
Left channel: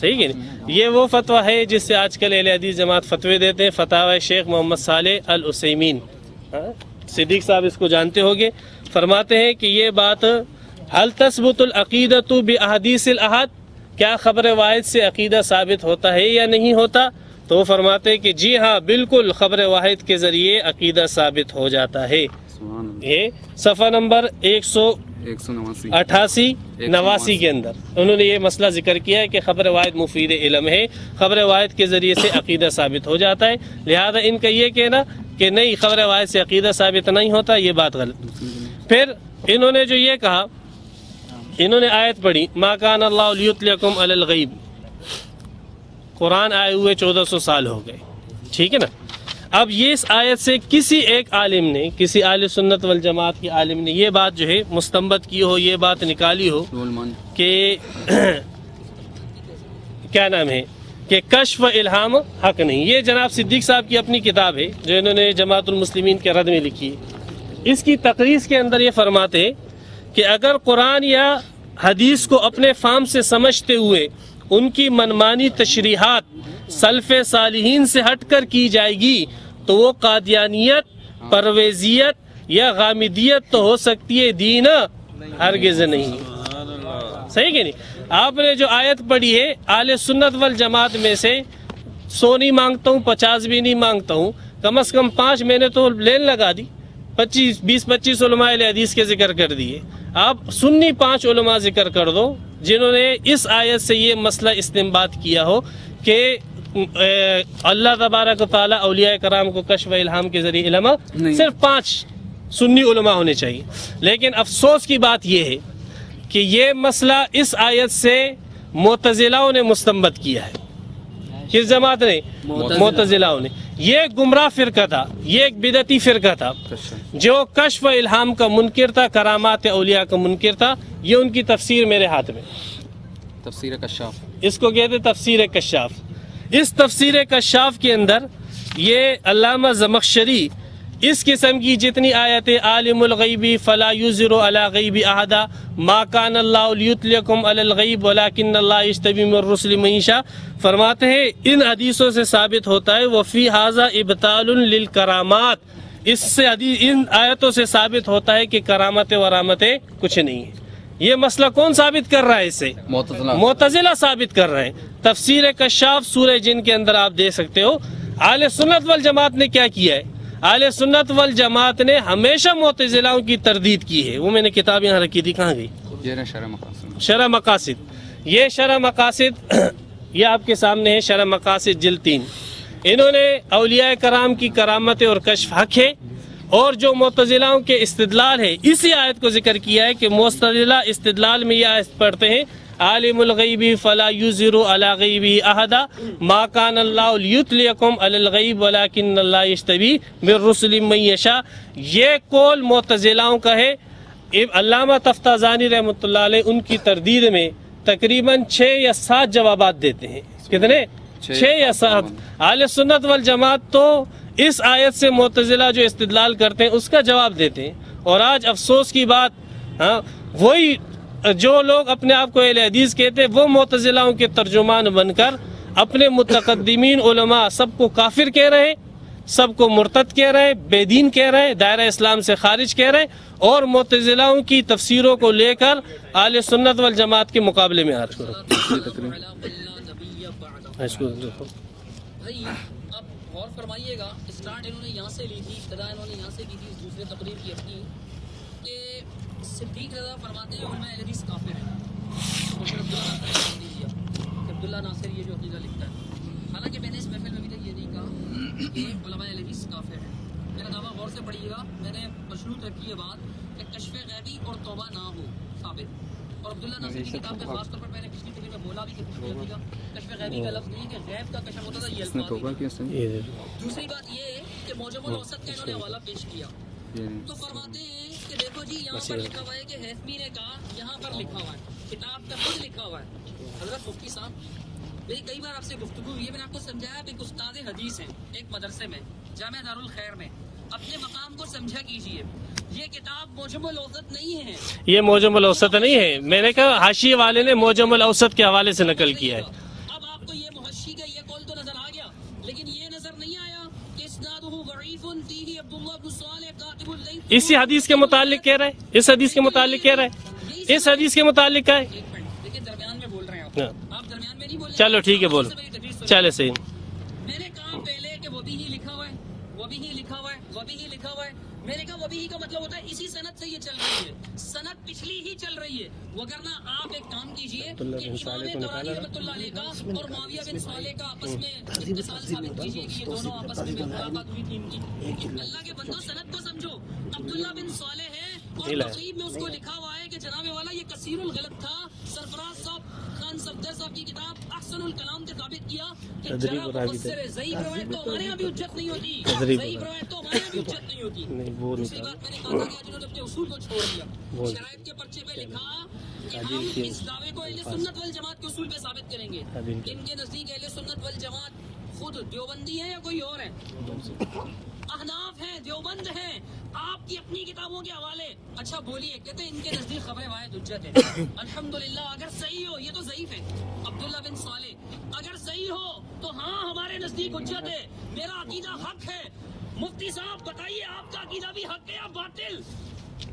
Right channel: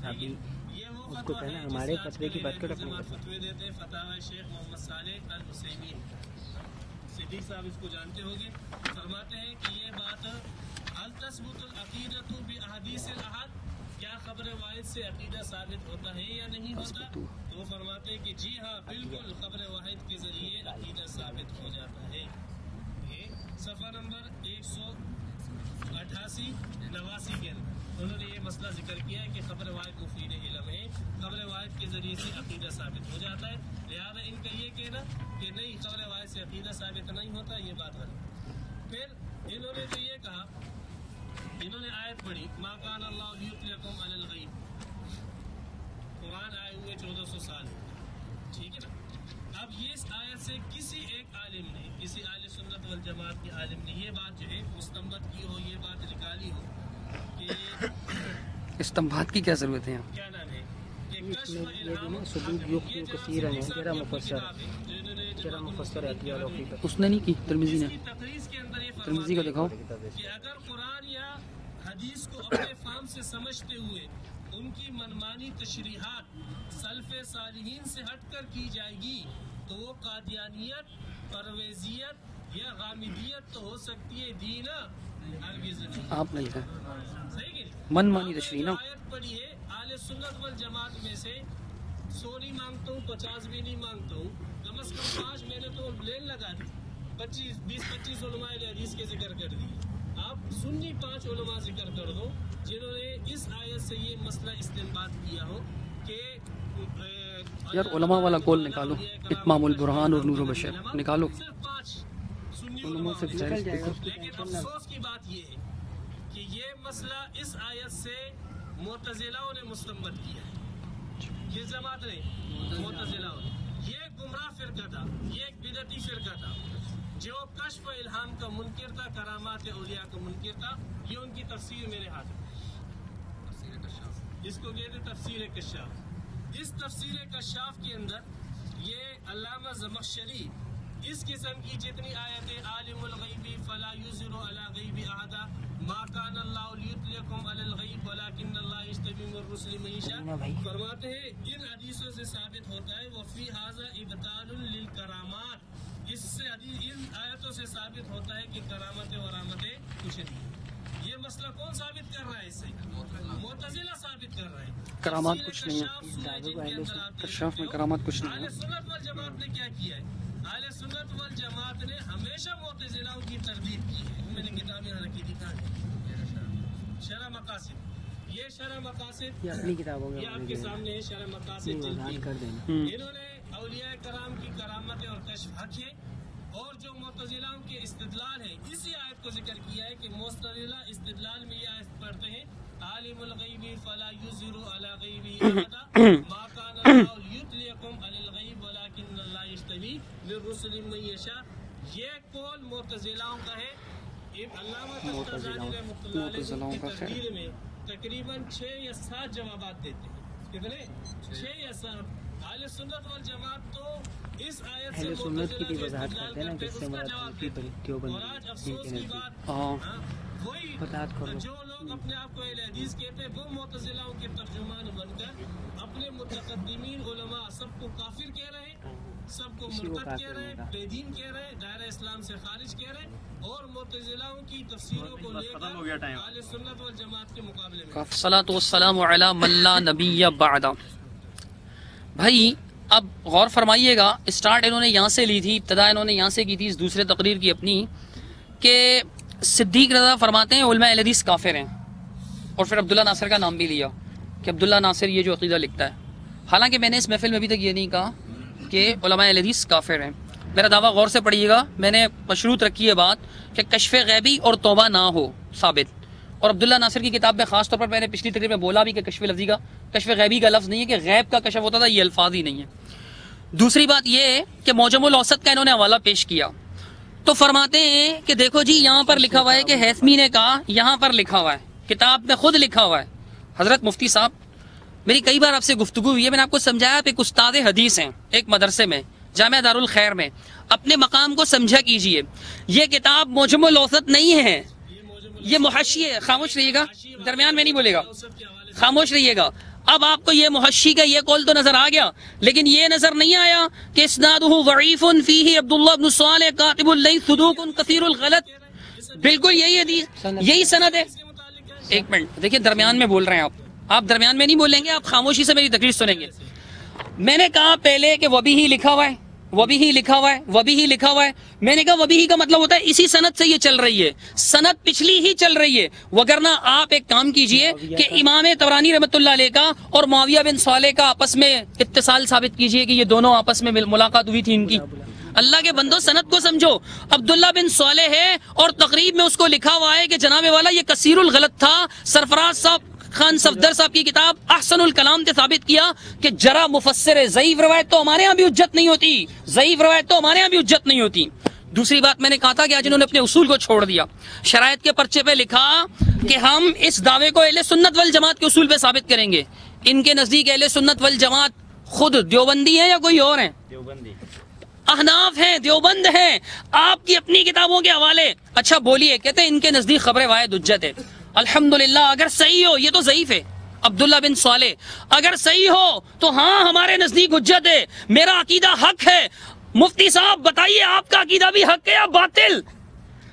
صحیح کہ نہیں؟ یہ وہ فتویٰ ہے جس سے آج کل اہل حدیث جماعت فتوے دیتے ہیں. فتاوی شیخ محمد صالح العثیمین، صدیق صاحب اس کو جانتے ہوگے، فرماتے ہیں کہ یہ بات هل تثبت العقیدۃ باحادیث الاحاد، کیا خبر واحد سے عقیدہ ثابت ہوتا ہے یا نہیں ہوتا؟ تو وہ فرماتے ہیں کہ جی ہاں بالکل خبر واحد کے ذریعے عقیدہ ثابت ہو جاتا ہے. یہ صفحہ نمبر 188 89 کے اندر انہوں نے یہ مسئلہ ذکر کیا ہے کہ خبر واحد مفید علم ہے، خبر واحد کے ذریعے سے عقیدہ ثابت ہو جاتا ہے. لہذا ان کا یہ کہنا کہ نہیں خبر واحد سے عقیدہ ثابت نہیں ہوتا، یہ بات غلط. پھر انہوں نے جو یہ کہا، انہوں نے آیت پڑھی ما کان اللہ لیطلعکم علی الغیب، قرآن آئے ہوئے 1400 سال ہو گئے، ٹھیک ہے نا. اب یہ اس آیت سے کسی ایک عالم نے، کسی اہل سنت والجماعت کے عالم نے یہ بات جو ہے مستنبط کی ہو، یہ بات نکالی ہو کہ استنباط کی کیا ضرورت ہے؟ کیا نام ہے کہ کشف الہام حق نہیں. یہ جناب صدیق صاحب کی اپنی کتاب ہے جو انہوں نے جماعت المسلمین کے رد میں لکھی. اس کی تقریض کے اندر یہ فرماتے ہیں کہ اگر قرآن یا حدیث کو اپنے فہم سے سمجھتے ہوئے ان کی منمانی تشریحات سلف صالحین سے ہٹ کر کی جائے گی تو وہ قادیانیت، پرویزیت یا غامدیت تو ہو سکتی ہے، دین ہرگز نہیں. صحیح کہ نہیں؟ آپ نے جو آیت پڑھی ہے اہل سنت والجماعت میں سے 100 نہیں مانگتا ہوں، 50 بھی نہیں مانگتا ہوں، کم از کم 5 میں نے تو لین لگا دی. 20-25 علماء اہل حدیث کے ذکر کر دیے. آپ سنی 5 علماء ذکر کر دو جنہوں نے اس آیت سے یہ مسئلہ استنباط کیا ہو کہ اللہ تبارک و تعالیٰ اولیاء کرام کو کشف الہام کے ذریعے علم، صرف 5 سنی علماء ہونے چاہیے. لیکن افسوس کی بات یہ ہے کہ یہ مسئلہ اس آیت سے معتزلہوں نے مستنبط کیا ہے. کس جماعت نے؟ معتزلہوں نے. یہ گمراہ فرقہ تھا، یہ ایک بدعتی فرقہ تھا جو کشف الہام کا منکر تھا، کرامات اولیاء کا منکر تھا. یہ ان کی تفسیر میرے ہاتھ میں، تفسیر کشاف، اس کو کہتے تفسیر کشاف. اس تفسیر کشاف کے اندر یہ علامہ زمخشری اس قسم کی جتنی آیتیں عالم الغیب فلا یظہر علی غیب احدا، ما کان اللہ لیطلعکم علی الغیب ولکن اللہ یجتبی من الرسل من یشاء، فرماتے ہیں ان حدیثوں سے ثابت ہوتا ہے وفی ھذا ابطال للکرامات، اس سے ان آیتوں سے ثابت ہوتا ہے کہ کرامت ورامتیں کچھ نہیں ہیں. یہ مسئلہ کون ثابت کر رہا ہے؟ اس سے معتزلہ ثابت کر رہے ہیں. تفسیر کشاف سورہ جن کے اندر آپ دیکھ سکتے ہو. اہل سنت والجماعت نے کیا کیا ہے؟ اہل سنت والجماعت نے ہمیشہ معتزلہوں کی تردید کی ہے. وہ میں نے کتاب یہاں رکھی تھی، کہاں گئی؟ شرح مقاصد. یہ شرح مقاصد یہ آپ کے سامنے ہے، شرح مقاصد جلد 3. انہوں نے اولیاء کرام کی کرامت اور کشف حق ہے، اور جو معتزلہوں کے استدلال ہے اسی آیت کو ذکر کیا ہے کہ معتزلہ استدلال میں یہ آیت پڑھتے ہیں عالم الغیب فلا یظہر علی غیبہ احدا، ما کان اللہ لیطلعکم علی الغیب ولکن اللہ یجتبی من رسل من یشاء. یہ قول معتزلہوں کا ہے. علامہ تفتازانی رحمۃ اللہ علیہ ان کی تردید میں تقریباً 6 یا 7 جوابات دیتے ہیں. کتنے؟ 6 یا 7. اہل سنت والجماعت تو اس آیت سے معتزلہ جو استدلال کرتے ہیں اس کا جواب دیتے ہیں. اور آج افسوس کی بات، وہی جو لوگ اپنے آپ کو اہل حدیث کہتے ہیں وہ معتزلہوں کے ترجمان بن کر اپنے متقدمین علماء سب کو کافر کہہ رہے، سب کو مرتد کہہ رہے، بے دین کہہ رہے، دائرہ اسلام سے خارج کہہ رہے، اور معتزلہوں کی تفسیروں کو لے کر اہل سنت والجماعت کے مقابلے میں آتے ہیں. الصلاۃ والسلام علی من لا نبی بعد. بھائی اب غور فرمائیے گا، اسٹارٹ انہوں نے یہاں سے لی تھی، ابتدا انہوں نے یہاں سے کی تھی اس دوسرے تقریر کی اپنی، کہ صدیق رضا فرماتے ہیں علماء اہل حدیث کافر ہیں، اور پھر عبداللہ ناصر کا نام بھی لیا کہ عبداللہ ناصر یہ جو عقیدہ لکھتا ہے. حالانکہ میں نے اس محفل میں ابھی تک یہ نہیں کہا کہ علماء اہل حدیث کافر ہیں. میرا دعویٰ غور سے پڑھیے گا، میں نے مشروط رکھی ہے بات کہ کشف غیبی اور توبہ نہ ہو ثابت، اور عبداللہ ناصر کی کتاب میں خاص طور پر میں نے پچھلی تقریر میں بولا بھی کہ کشف غیبی کا لفظ نہیں ہے، کہ غیب کا کشف ہوتا تھا، یہ الفاظ ہی نہیں ہے۔ دوسری بات یہ ہے کہ معجم الاوسط کا انہوں نے حوالہ پیش کیا تو فرماتے ہیں کہ دیکھو جی یہاں پر لکھا ہوا ہے کہ ہیثمی نے کہا، یہاں پر لکھا ہوا ہے، کتاب میں خود لکھا ہوا ہے۔ حضرت مفتی صاحب، میری کئی بار آپ سے گفتگو ہوئی ہے، میں نے آپ کو سمجھایا، آپ ایک استاد حدیث ہیں ایک مدرسے میں، جامعہ دارالخیر میں، اپنے مقام کو سمجھا کیجئے۔ یہ کتاب معجم الاوسط نہیں ہے، یہ معجم الاوسط نہیں ہے، میں نے کہا حاشیے والے نے معجم الاوسط کے حوالے سے خاموش نقل رہیے کیا۔ گا۔ اب آپ کو یہ محشی کا یہ قول تو نظر آ گیا، لیکن یہ نظر نہیں آیا کہ اسنادہ ضعیف فیہ عبداللہ بن صالح کاتب اللیث اسی حدیث کے متعلق کہہ رہے ہیں، اس حدیث کے متعلق کہہ رہے ہیں، یہی اس سند ہے۔ حدیث کے متعلق ہے۔ ایک منٹ دیکھیے، درمیان میں بول رہے ہیں آپ درمیان میں نہیں بولیں گے، آپ خاموشی سے میری تقریر سنیں۔ چلے صحیح۔ میں نے کہا پہلے کہ وبی ہی لکھا ہوا ہے، وبی ہی لکھا ہوا ہے، وبی ہی لکھا ہوا ہے۔ میں نے کہا وبی ہی کا مطلب ہوتا ہے اسی سند سے یہ چل رہی ہے، سند پچھلی ہی چل رہی ہے، وگرنہ آپ ایک کام کیجئے کہ امام طبرانی رحمۃ اللہ علیہ کا اور معاویہ بن صالح کا آپس میں اتصال ثابت کیجئے کہ یہ دونوں آپس میں ملاقات ہوئی تھی ان کی۔ اللہ کے بندو سند کو سمجھو، عبداللہ بن صالح ہے اور تقریب میں اس کو لکھا ہوا ہے کہ جناب والا یہ کثیر الغلط تھا۔ سرفراز صاحب خان صفدر صاحب کی کتاب احسن الکلام سے ثابت کیا کہ جرا مفسر ہے، ضعیف روایت تو ہمارے ہاں بھی حجت نہیں ہوتی، ضعیف روایت تو ہمارے ہاں بھی حجت نہیں ہوتی۔ دوسری بات میں نے کہا تھا کہ آج انہوں نے اپنے اصول کو چھوڑ دیا، شرائط کے پرچے پہ لکھا کہ ہم اس دعوے کو اہل سنت والجماعت کے اصول پہ ثابت کریں گے۔ ان کے نزدیک اہل سنت والجماعت خود دیوبندی ہیں یا کوئی اور ہیں؟ احناف ہیں، دیوبند ہیں، آپ کی اپنی کتابوں کے حوالے۔ اچھا بولیے، کہتے ہیں ان کے نزدیک خبر واحد حجت ہے۔ الحمدللہ، اگر صحیح ہو یہ تو ضعیف ہے عبداللہ بن صالح، اگر صحیح ہو تو ہاں ہمارے نزدیک حجت ہے، میرا عقیدہ حق ہے۔ مفتی صاحب بتائیے آپ کا عقیدہ بھی حق ہے یا باطل؟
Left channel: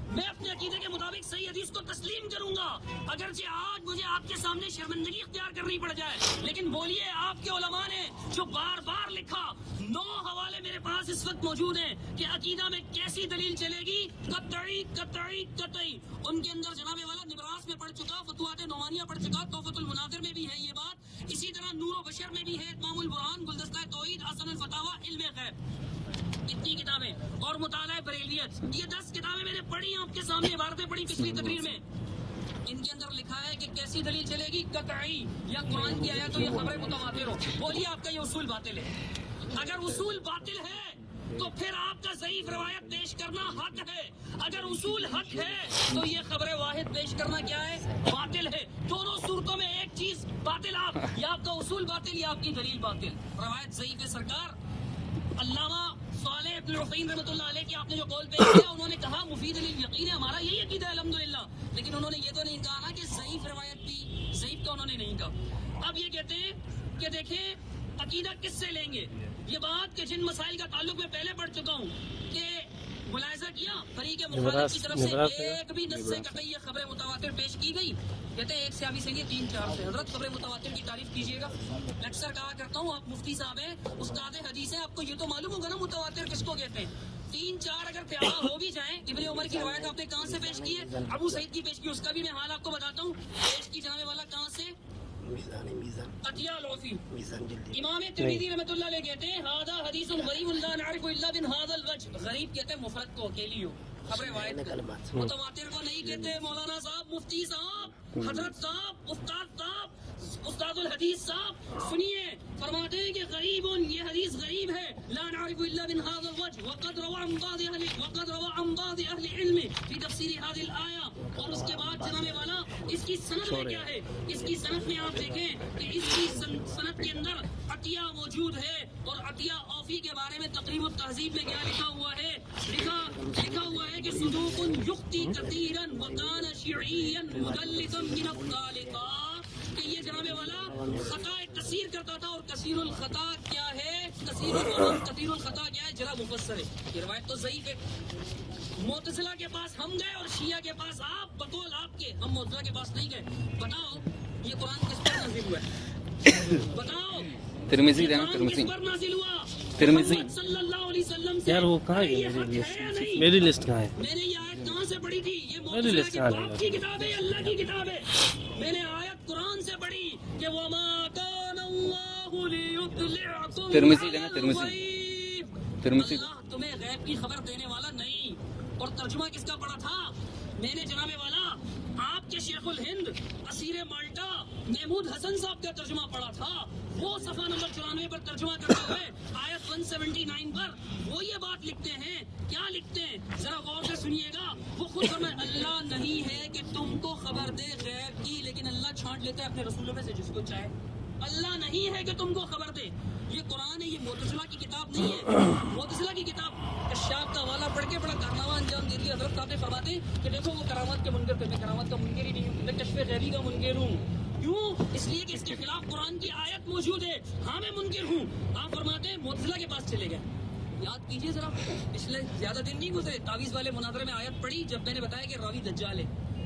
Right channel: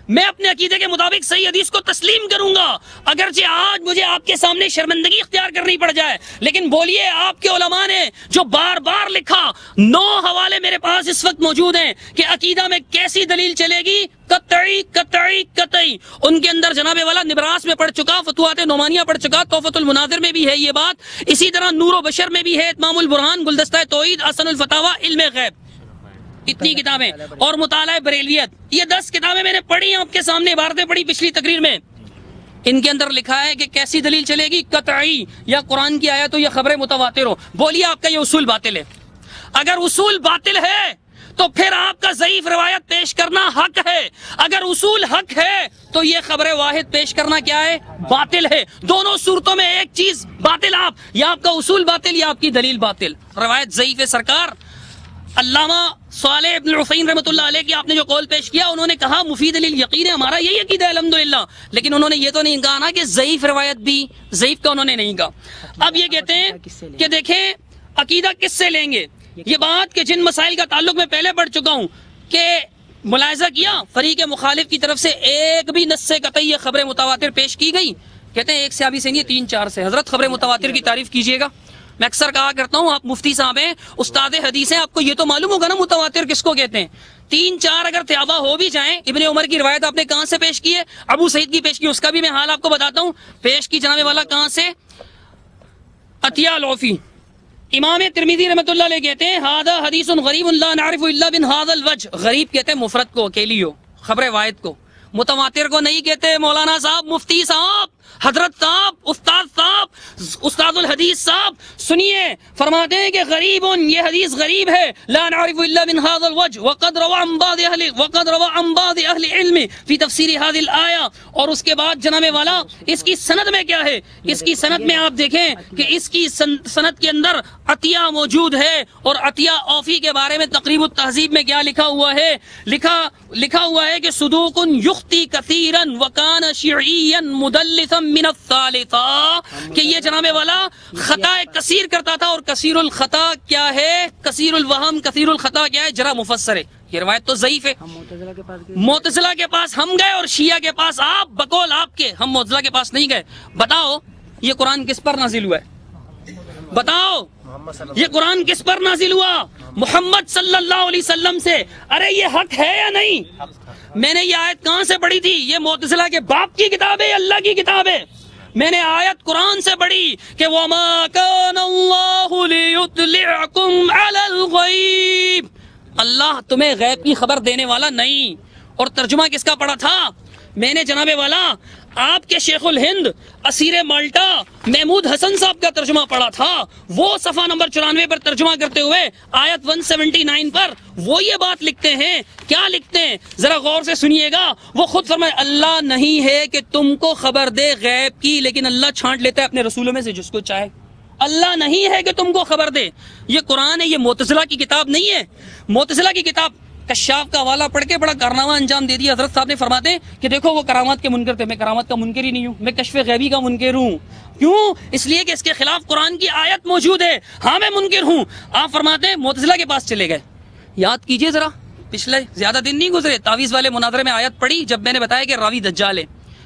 میں اپنے عقیدے کے مطابق صحیح حدیث کو تسلیم کروں گا، اگرچہ آج مجھے آپ کے سامنے شرمندگی اختیار کرنی پڑ جائے، لیکن بولیے آپ کے علماء نے جو بار بار لکھا، 9 حوالے میرے پاس اس وقت موجود ہیں کہ عقیدہ میں کیسی دلیل چلے گی، قطعی قطعی قطعی۔ ان کے اندر جناب والا نبراس میں پڑھ چکا، فتوحات نعمانیہ پڑھ چکا، تحفۃ المناظر میں بھی ہے یہ بات، اسی طرح نور و بشر میں بھی ہے، اتمام البرہان، گلدستہ توحید، احسن الفتاوی، علم غیب، اتنی کتابیں، اور مطالعہ بریلویت، یہ 10 کتابیں میں نے پڑھی ہیں، آپ کے سامنے عبارتیں پڑھی پچھلی تقریر میں۔ ان کے اندر لکھا ہے کہ کیسی دلیل چلے گی، قطعی، یا قرآن کی آیت ہو یا خبر متواتر ہو۔ بولیے آپ کا یہ اصول باطل ہے؟ اگر اصول باطل ہے تو پھر آپ کا ضعیف روایت پیش کرنا حق ہے، اگر اصول حق ہے تو یہ خبر واحد پیش کرنا کیا ہے؟ باطل ہے۔ دونوں صورتوں میں ایک چیز باطل، آپ یا آپ کا اصول باطل یا آپ کی دلیل باطل۔ روایت ضعیف ہے سرکار۔ علامہ صالح ابن العثیمین رحمۃ اللہ علیہ کی آپ نے جو قول پیش کیا، انہوں نے کہا مفید للیقین ہے، ہمارا یہی عقیدہ ہے الحمدللہ، لیکن انہوں نے یہ تو نہیں کہا نا کہ ضعیف روایت بھی، ضعیف کا انہوں نے نہیں کہا۔ اب یہ کہتے ہیں کہ دیکھیں عقیدہ کس سے لیں گے، یہ بات کہ جن مسائل کا تعلق میں پہلے پڑھ چکا ہوں کہ ملاحظہ کیا فریق مخالف کی طرف سے ایک بھی نص قطعی خبر متواتر پیش کی گئی، کہتے ہیں ایک صحابی سے نہیں 3-4 سے۔ حضرت خبر متواتر کی تعریف کیجئے گا، میں اکثر کہا کرتا ہوں آپ مفتی صاحب ہیں، استاد حدیث ہیں، آپ کو یہ تو معلوم ہوگا نا متواتر کس کو کہتے ہیں۔ 3-4 اگر تیابہ ہو بھی جائیں، ابن عمر کی روایت آپ نے کہاں سے پیش کی ہے؟ ابو سعید کی پیش کی، اس کا بھی میں حال آپ کو بتاتا ہوں، پیش کی جناب والا کہاں سے؟ عطیہ العوفی۔ امام ترمذی رحمۃ اللہ علیہ کہتے ہیں ھذا حدیث غریب لا نعرف الا من ھذا الوجه، غریب کہتے ہیں مفرد کو، اکیلی ہو، خبر واحد کو، متواتر کو نہیں کہتے۔ مولانا صاحب، مفتی صاحب، حضرت صاحب، استاد صاحب، استاد الحدیث صاحب سنیے، فرماتے ہیں کہ غریب، یہ حدیث غریب ہے، لا نعرف الا من هذا الوجه وقد روى عن بعض اهل العلم في تفسير هذه الايه۔ اور اس کے بعد جناب والا اس کی سند میں کیا ہے؟ اس کی سند میں آپ دیکھیں کہ اس کی سند کے اندر عطیہ موجود ہے، اور عطیہ اوفی کے بارے میں تقریب التہذیب میں کیا لکھا ہوا ہے؟ لکھا ہوا ہے کہ صدوق یخطی کثیرا وکان شیعیا مدلسا من الثالثہ، کہ یہ جناب والا خطا کثیر کرتا تھا، اور کثیر الخطا کیا ہے؟ کثیر الوہم، کثیر الخطا کیا ہے؟ جرح مفسر ہے۔ یہ روایت تو ضعیف ہے۔ معتزلہ کے پاس ہم گئے اور شیعہ کے پاس آپ، بقول آپ کے، ہم معتزلہ کے پاس نہیں گئے۔ بتاؤ یہ قرآن کس پر نازل ہوا ہے؟ بتاؤ یہ قرآن کس پر نازل ہوا؟ محمد صلی اللہ علیہ وسلم سے۔ ارے یہ حق ہے یا نہیں؟ میں نے یہ آیت کہاں سے پڑھی تھی؟ یہ معتزلہ کے باپ کی کتاب ہے، اللہ کی کتاب ہے۔ میں نے آیت قرآن سے پڑھی کہ وَمَا كَانَ اللَّهُ لِيُطْلِعَكُمْ عَلَى الْغَيْبِ، اللہ تمہیں غیب کی خبر دینے والا نہیں۔ اور ترجمہ کس کا پڑھا تھا؟ میں نے جناب والا آپ کے شیخ الہند اسیر مالٹا محمود حسن صاحب کا ترجمہ پڑھا تھا، وہ صفحہ نمبر 94 پر ترجمہ کرتے ہوئے آیت 179 پر وہ یہ بات لکھتے ہیں. کیا لکھتے ہیں ذرا غور سے سنیے گا. وہ خود فرمائے اللہ نہیں ہے کہ تم کو خبر دے غیب کی، لیکن اللہ چھانٹ لیتا ہے اپنے رسولوں میں سے جس کو چاہے. اللہ نہیں ہے کہ تم کو خبر دے. یہ قرآن ہے، یہ معتزلہ کی کتاب نہیں ہے. معتزلہ کی کتاب کشاف کا حوالہ پڑھ کے بڑا کارنامہ انجام دے دیا. حضرت صاحب نے فرماتے ہیں کہ دیکھو وہ کرامات کے منکر تھے، میں کرامات کا منکر ہی نہیں ہوں، میں کشف غیبی کا منکر ہوں. کیوں؟ اس لیے کہ اس کے خلاف قرآن کی آیت موجود ہے. ہاں میں منکر ہوں. آپ فرماتے ہیں معتزلہ کے پاس چلے گئے. یاد کیجئے ذرا، پچھلے زیادہ دن نہیں گزرے، تعویذ والے مناظرے میں آیت پڑھی جب میں نے بتایا کہ راوی دجال ہے،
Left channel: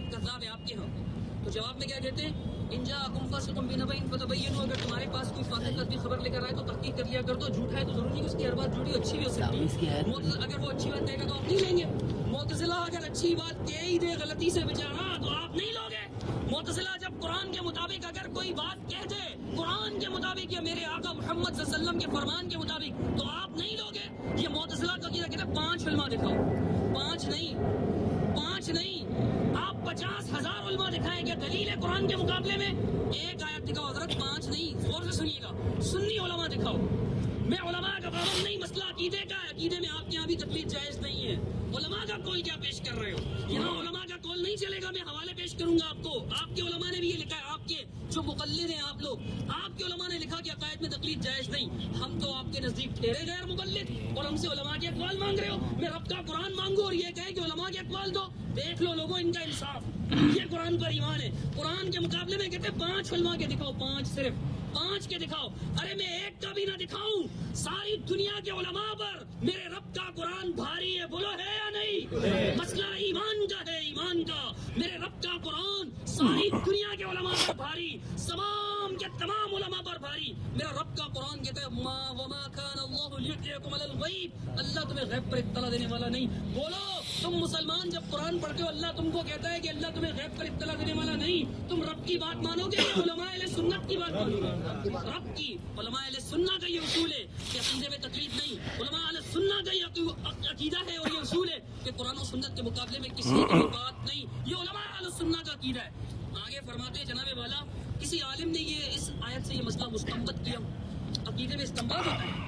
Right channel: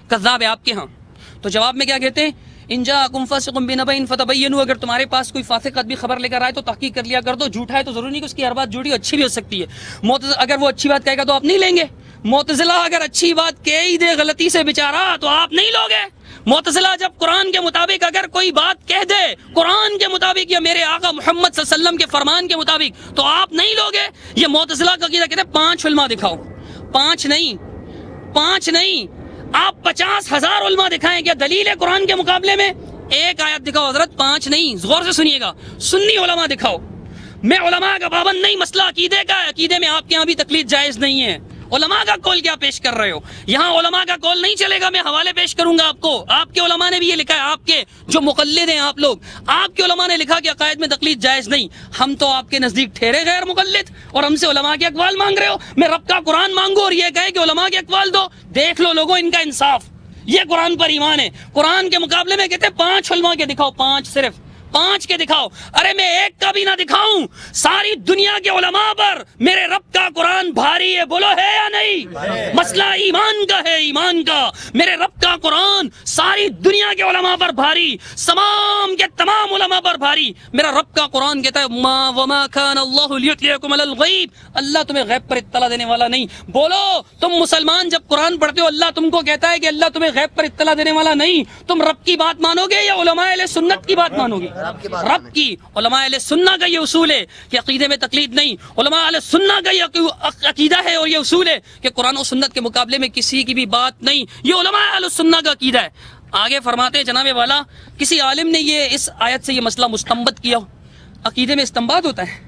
کذاب ہے آپ کے ہاں. تو جواب میں کیا کہتے ہیں؟ ان جاءکم فاسق بنبأ فتبینوا، اگر تمہارے پاس کوئی فاسق آدمی خبر لے کر آئے تو تحقیق کر لیا کر دو. جھوٹا ہے تو ضروری نہیں کہ اس کی ہر بات جھوٹی اچھی بھی ہو سکتی ہے. اگر وہ اچھی بات کہے گا تو آپ نہیں لیں گے. معتزلہ اگر اچھی بات کہہ ہی دے غلطی سے بیچارہ تو آپ نہیں لوگے. معتزلہ جب قرآن کے مطابق اگر کوئی بات کہہ دے قرآن کے مطابق یا میرے آقا محمد صلی اللہ علیہ وسلم کے فرمان کے مطابق تو آپ نہیں لوگے. یہ معتزلہ کا عقیدہ. کہتے ہیں 5 علماء دکھاؤ. 5 نہیں آپ 50,000 علماء دکھائیں. کیا دلیل ہے قرآن کے مقابلے میں؟ ایک آیت دکھاؤ حضرت. 5 نہیں، غور سے سنیے گا. سنی علماء دکھاؤ. میں علماء کا پابند نہیں، مسئلہ عقیدے کا ہے. عقیدے میں آپ کے یہاں بھی تقلید جائز نہیں ہے. علماء کا قول کیا پیش کر رہے ہو؟ یہاں علماء کا قول نہیں چلے گا. میں حوالے پیش کروں گا آپ کو. آپ کے علماء نے بھی یہ لکھا ہے، آپ کے جو مقلد ہیں آپ لوگ، آپ کے علماء نے لکھا کہ عقائد میں تقلید جائز نہیں. ہم تو آپ کے نزدیک ٹھہرے غیر مقلد اور ہم سے علماء کے اقوال مانگ رہے ہو. میں رب کا قرآن مانگو اور یہ کہے کہ علماء کے اقوال دو. دیکھ لو لوگوں ان کا انصاف. یہ قرآن پر ایمان ہے. قرآن کے مقابلے میں کہتے ہیں 5 علماء کے دکھاؤ. 5 صرف 5 کے دکھاؤ. ارے میں ایک کا بھی نہ دکھاؤں. ساری دنیا کے علماء پر میرے رب کا قرآن بھاری ہے. بولو ہے یا نہیں؟ مسئلہ ایمان کا ہے، ایمان کا. میرے رب کا قرآن ساری دنیا کے علماء پر بھاری، تمام کے تمام علماء پر بھاری. میرا رب کا قرآن کہتا ہے ما وما كان الله ليطلعكم على الغيب. اللہ تمہیں غیب پر اطلاع دینے والا نہیں. بولو تم مسلمان جب قرآن پڑھتے ہو اللہ تم کو کہتا ہے کہ اللہ تمہیں غیب پر اطلاع دینے والا نہیں. تم رب کی بات مانو گے یا علماء اہل سنت کی بات مانو گے؟ رب کی. علماء اہل سنت کا یہ اصول ہے کہ عقیدے میں تقلید نہیں. علماء اہل سنت کا یہ عقیدہ ہے اور یہ اصول ہے کہ قرآن و سنت کے مقابلے میں کسی کی بھی بات نہیں. یہ علماء اہل سنت کا عقیدہ ہے. آگے فرماتے ہیں جناب والا کسی عالم نے یہ اس آیت سے یہ مسئلہ مستنبط کیا. عقیدے میں استنباط ہوتا ہے.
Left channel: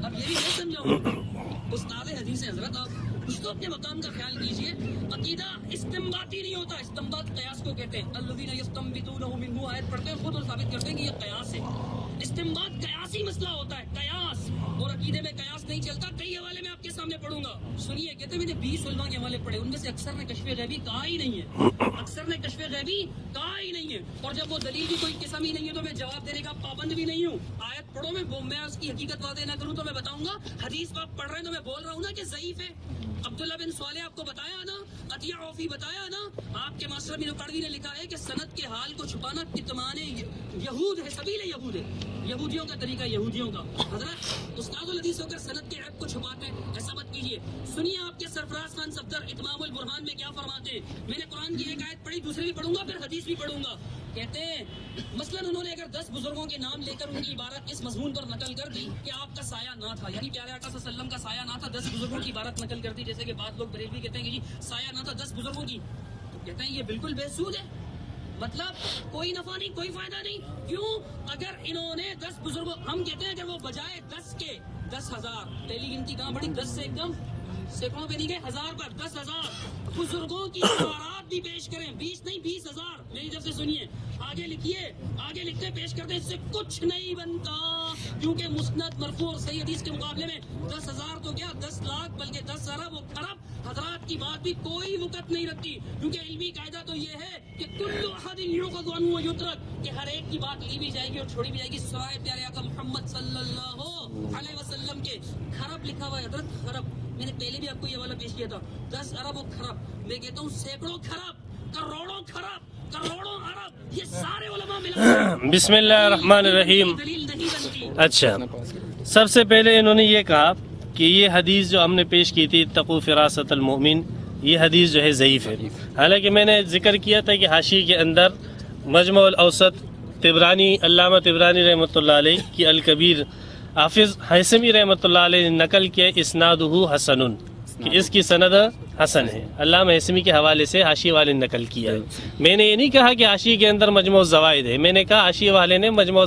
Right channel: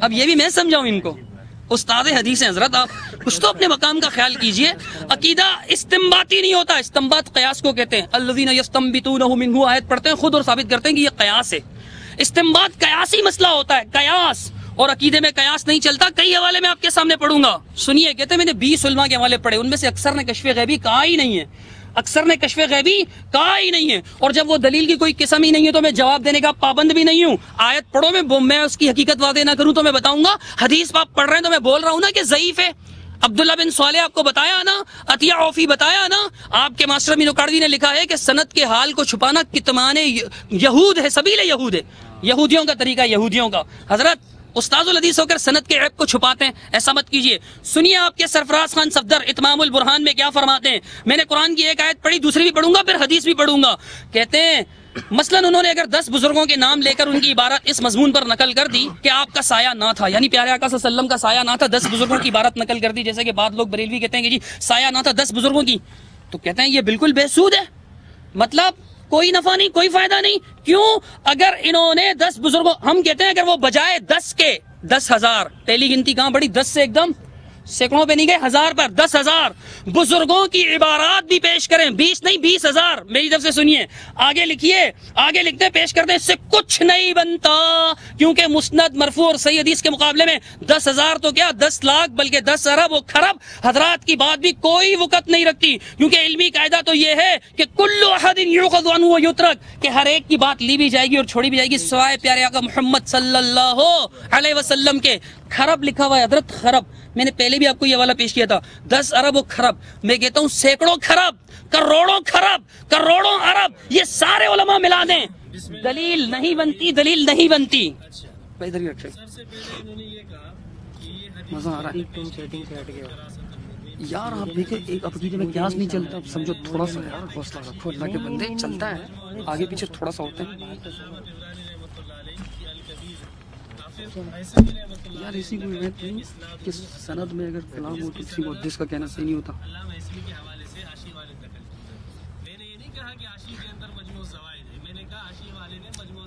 اب یہ بھی میں سمجھاؤں ان کو. استاد حدیث ہیں حضرت، آپ کچھ تو اپنے مقام کا خیال کیجئے. عقیدہ استنباطی نہیں ہوتا. استنباط قیاس کو کہتے ہیں. الذین یستنبطونہ منہ آیت پڑھتے ہیں خود اور ثابت کرتے ہیں کہ یہ قیاس ہے. استنباط قیاسی مسئلہ ہوتا ہے، قیاس. اور عقیدے میں قیاس نہیں چلتا. کئی حوالے میں آپ کے سامنے پڑھوں گا. سنیے، کہتے ہیں میں نے 20 علماء کے حوالے پڑھے، ان میں سے اکثر نے کشف غیبی کہا ہی نہیں ہے. اکثر نے کشف غیبی کہا ہی نہیں ہے. اور جب وہ دلیل کی کوئی قسم ہی نہیں ہے تو میں جواب دینے کا پابند بھی نہیں ہوں. آیت پڑھو، میں اس کی حقیقت واضح نہ کروں تو میں بتاؤں گا. حدیث آپ پڑھ رہے ہیں تو میں بول رہا ہوں نا کہ ضعیف ہے. عبداللہ بن صالح آپ کو بتایا نا، عطیہ عوفی بتایا نا. آپ کے ماسٹر امین اکاڑوی نے لکھا ہے کہ سند کے حال کو چھپانا کتمان یہود ہے، سبیل یہود ہے. یہودیوں کا طریقہ، یہودیوں کا. حضرت استاذ الحدیث ہو کر سند کے عیب کو چھپاتے ہیں، ایسا مت کیجئے. سنیے آپ کے سرفراز خان صفدر اتمام البرہان میں کیا فرماتے ہیں. میں نے قرآن کی ایک آیت پڑھی، دوسری بھی پڑھوں گا، پھر حدیث بھی پڑھوں گا. کہتے ہیں مثلا انہوں نے اگر 10 بزرگوں کے نام لے کر ان کی عبارت اس مضمون پر نقل کر دی کہ آپ کا سایہ نہ تھا، یعنی پیارے آقا صلی اللہ علیہ وسلم کا سایہ نہ تھا، 10 بزرگوں کی عبارت نقل کر دی، جیسے کہ بعض لوگ بریلوی کہتے ہیں کہ جی سایہ نہ تھا 10 بزرگوں کی، تو کہتے ہیں یہ بالکل بے سود ہے. مطلب کوئی نفع نہیں، کوئی فائدہ نہیں. کیوں؟ اگر انہوں نے 10 بزرگوں، ہم کہتے ہیں اگر وہ بجائے 10 کے 10,000، پہلی گنتی کہاں بڑی؟ 10 سے ایک دم سینکڑوں پہ نہیں گئے، 1000 پر 10,000 بزرگوں کی عبارات بھی پیش کریں. 20 نہیں 20,000. میری طرف سے سنیے، آگے لکھیے، آگے لکھتے پیش کرتے، اس سے کچھ نہیں بنتا. کیونکہ مسند مرفوع اور صحیح حدیث کے مقابلے میں 10,000 تو کیا 10 لاکھ بلکہ 10 ارب و خرب حضرات کی بات بھی کوئی وقت نہیں رکھتی. کیونکہ علمی قاعدہ تو یہ ہے کہ کل احد یؤخذ عنہ ویترک، کہ ہر ایک کی بات لی بھی جائے گی اور چھوڑی بھی جائے گی سوائے پیارے آقا محمد صلی اللہ علیہ وسلم کے. خرب لکھا ہوا ہے حضرت، خرب. میں نے پہلے بھی آپ کو یہ حوالہ پیش کیا تھا. 10 ارب و خرب، میں کہتا ہوں سینکڑوں خرب، کروڑوں خرب، کروڑوں ارب، یہ سارے علماء ملا دیں. بسم اللہ الرحمن الرحیم. دلیل نہیں بنتی. اچھا، سب سے پہلے انہوں نے یہ کہا کہ یہ حدیث جو ہم نے پیش کی تھی اتقوا فراست المؤمن، یہ حدیث جو ہے ضعیف ہے. حالانکہ میں نے ذکر کیا تھا کہ حاشی کے اندر مجمع الاوسط طبرانی، علامہ طبرانی رحمۃ اللہ علیہ کی الکبیر حافظ حیثمی رحمۃ اللہ علیہ نے نقل کیا اسنادہ حسن، کہ اس کی سند حسن ہے۔ علامہ حیثمی کے حوالے سے حاشیے والے نے نقل کیا ہے۔ میں نے یہ نہیں کہا کہ حاشیے کے اندر مجموع الزوائد ہے، میں نے کہا حاشیے والے نے مجموع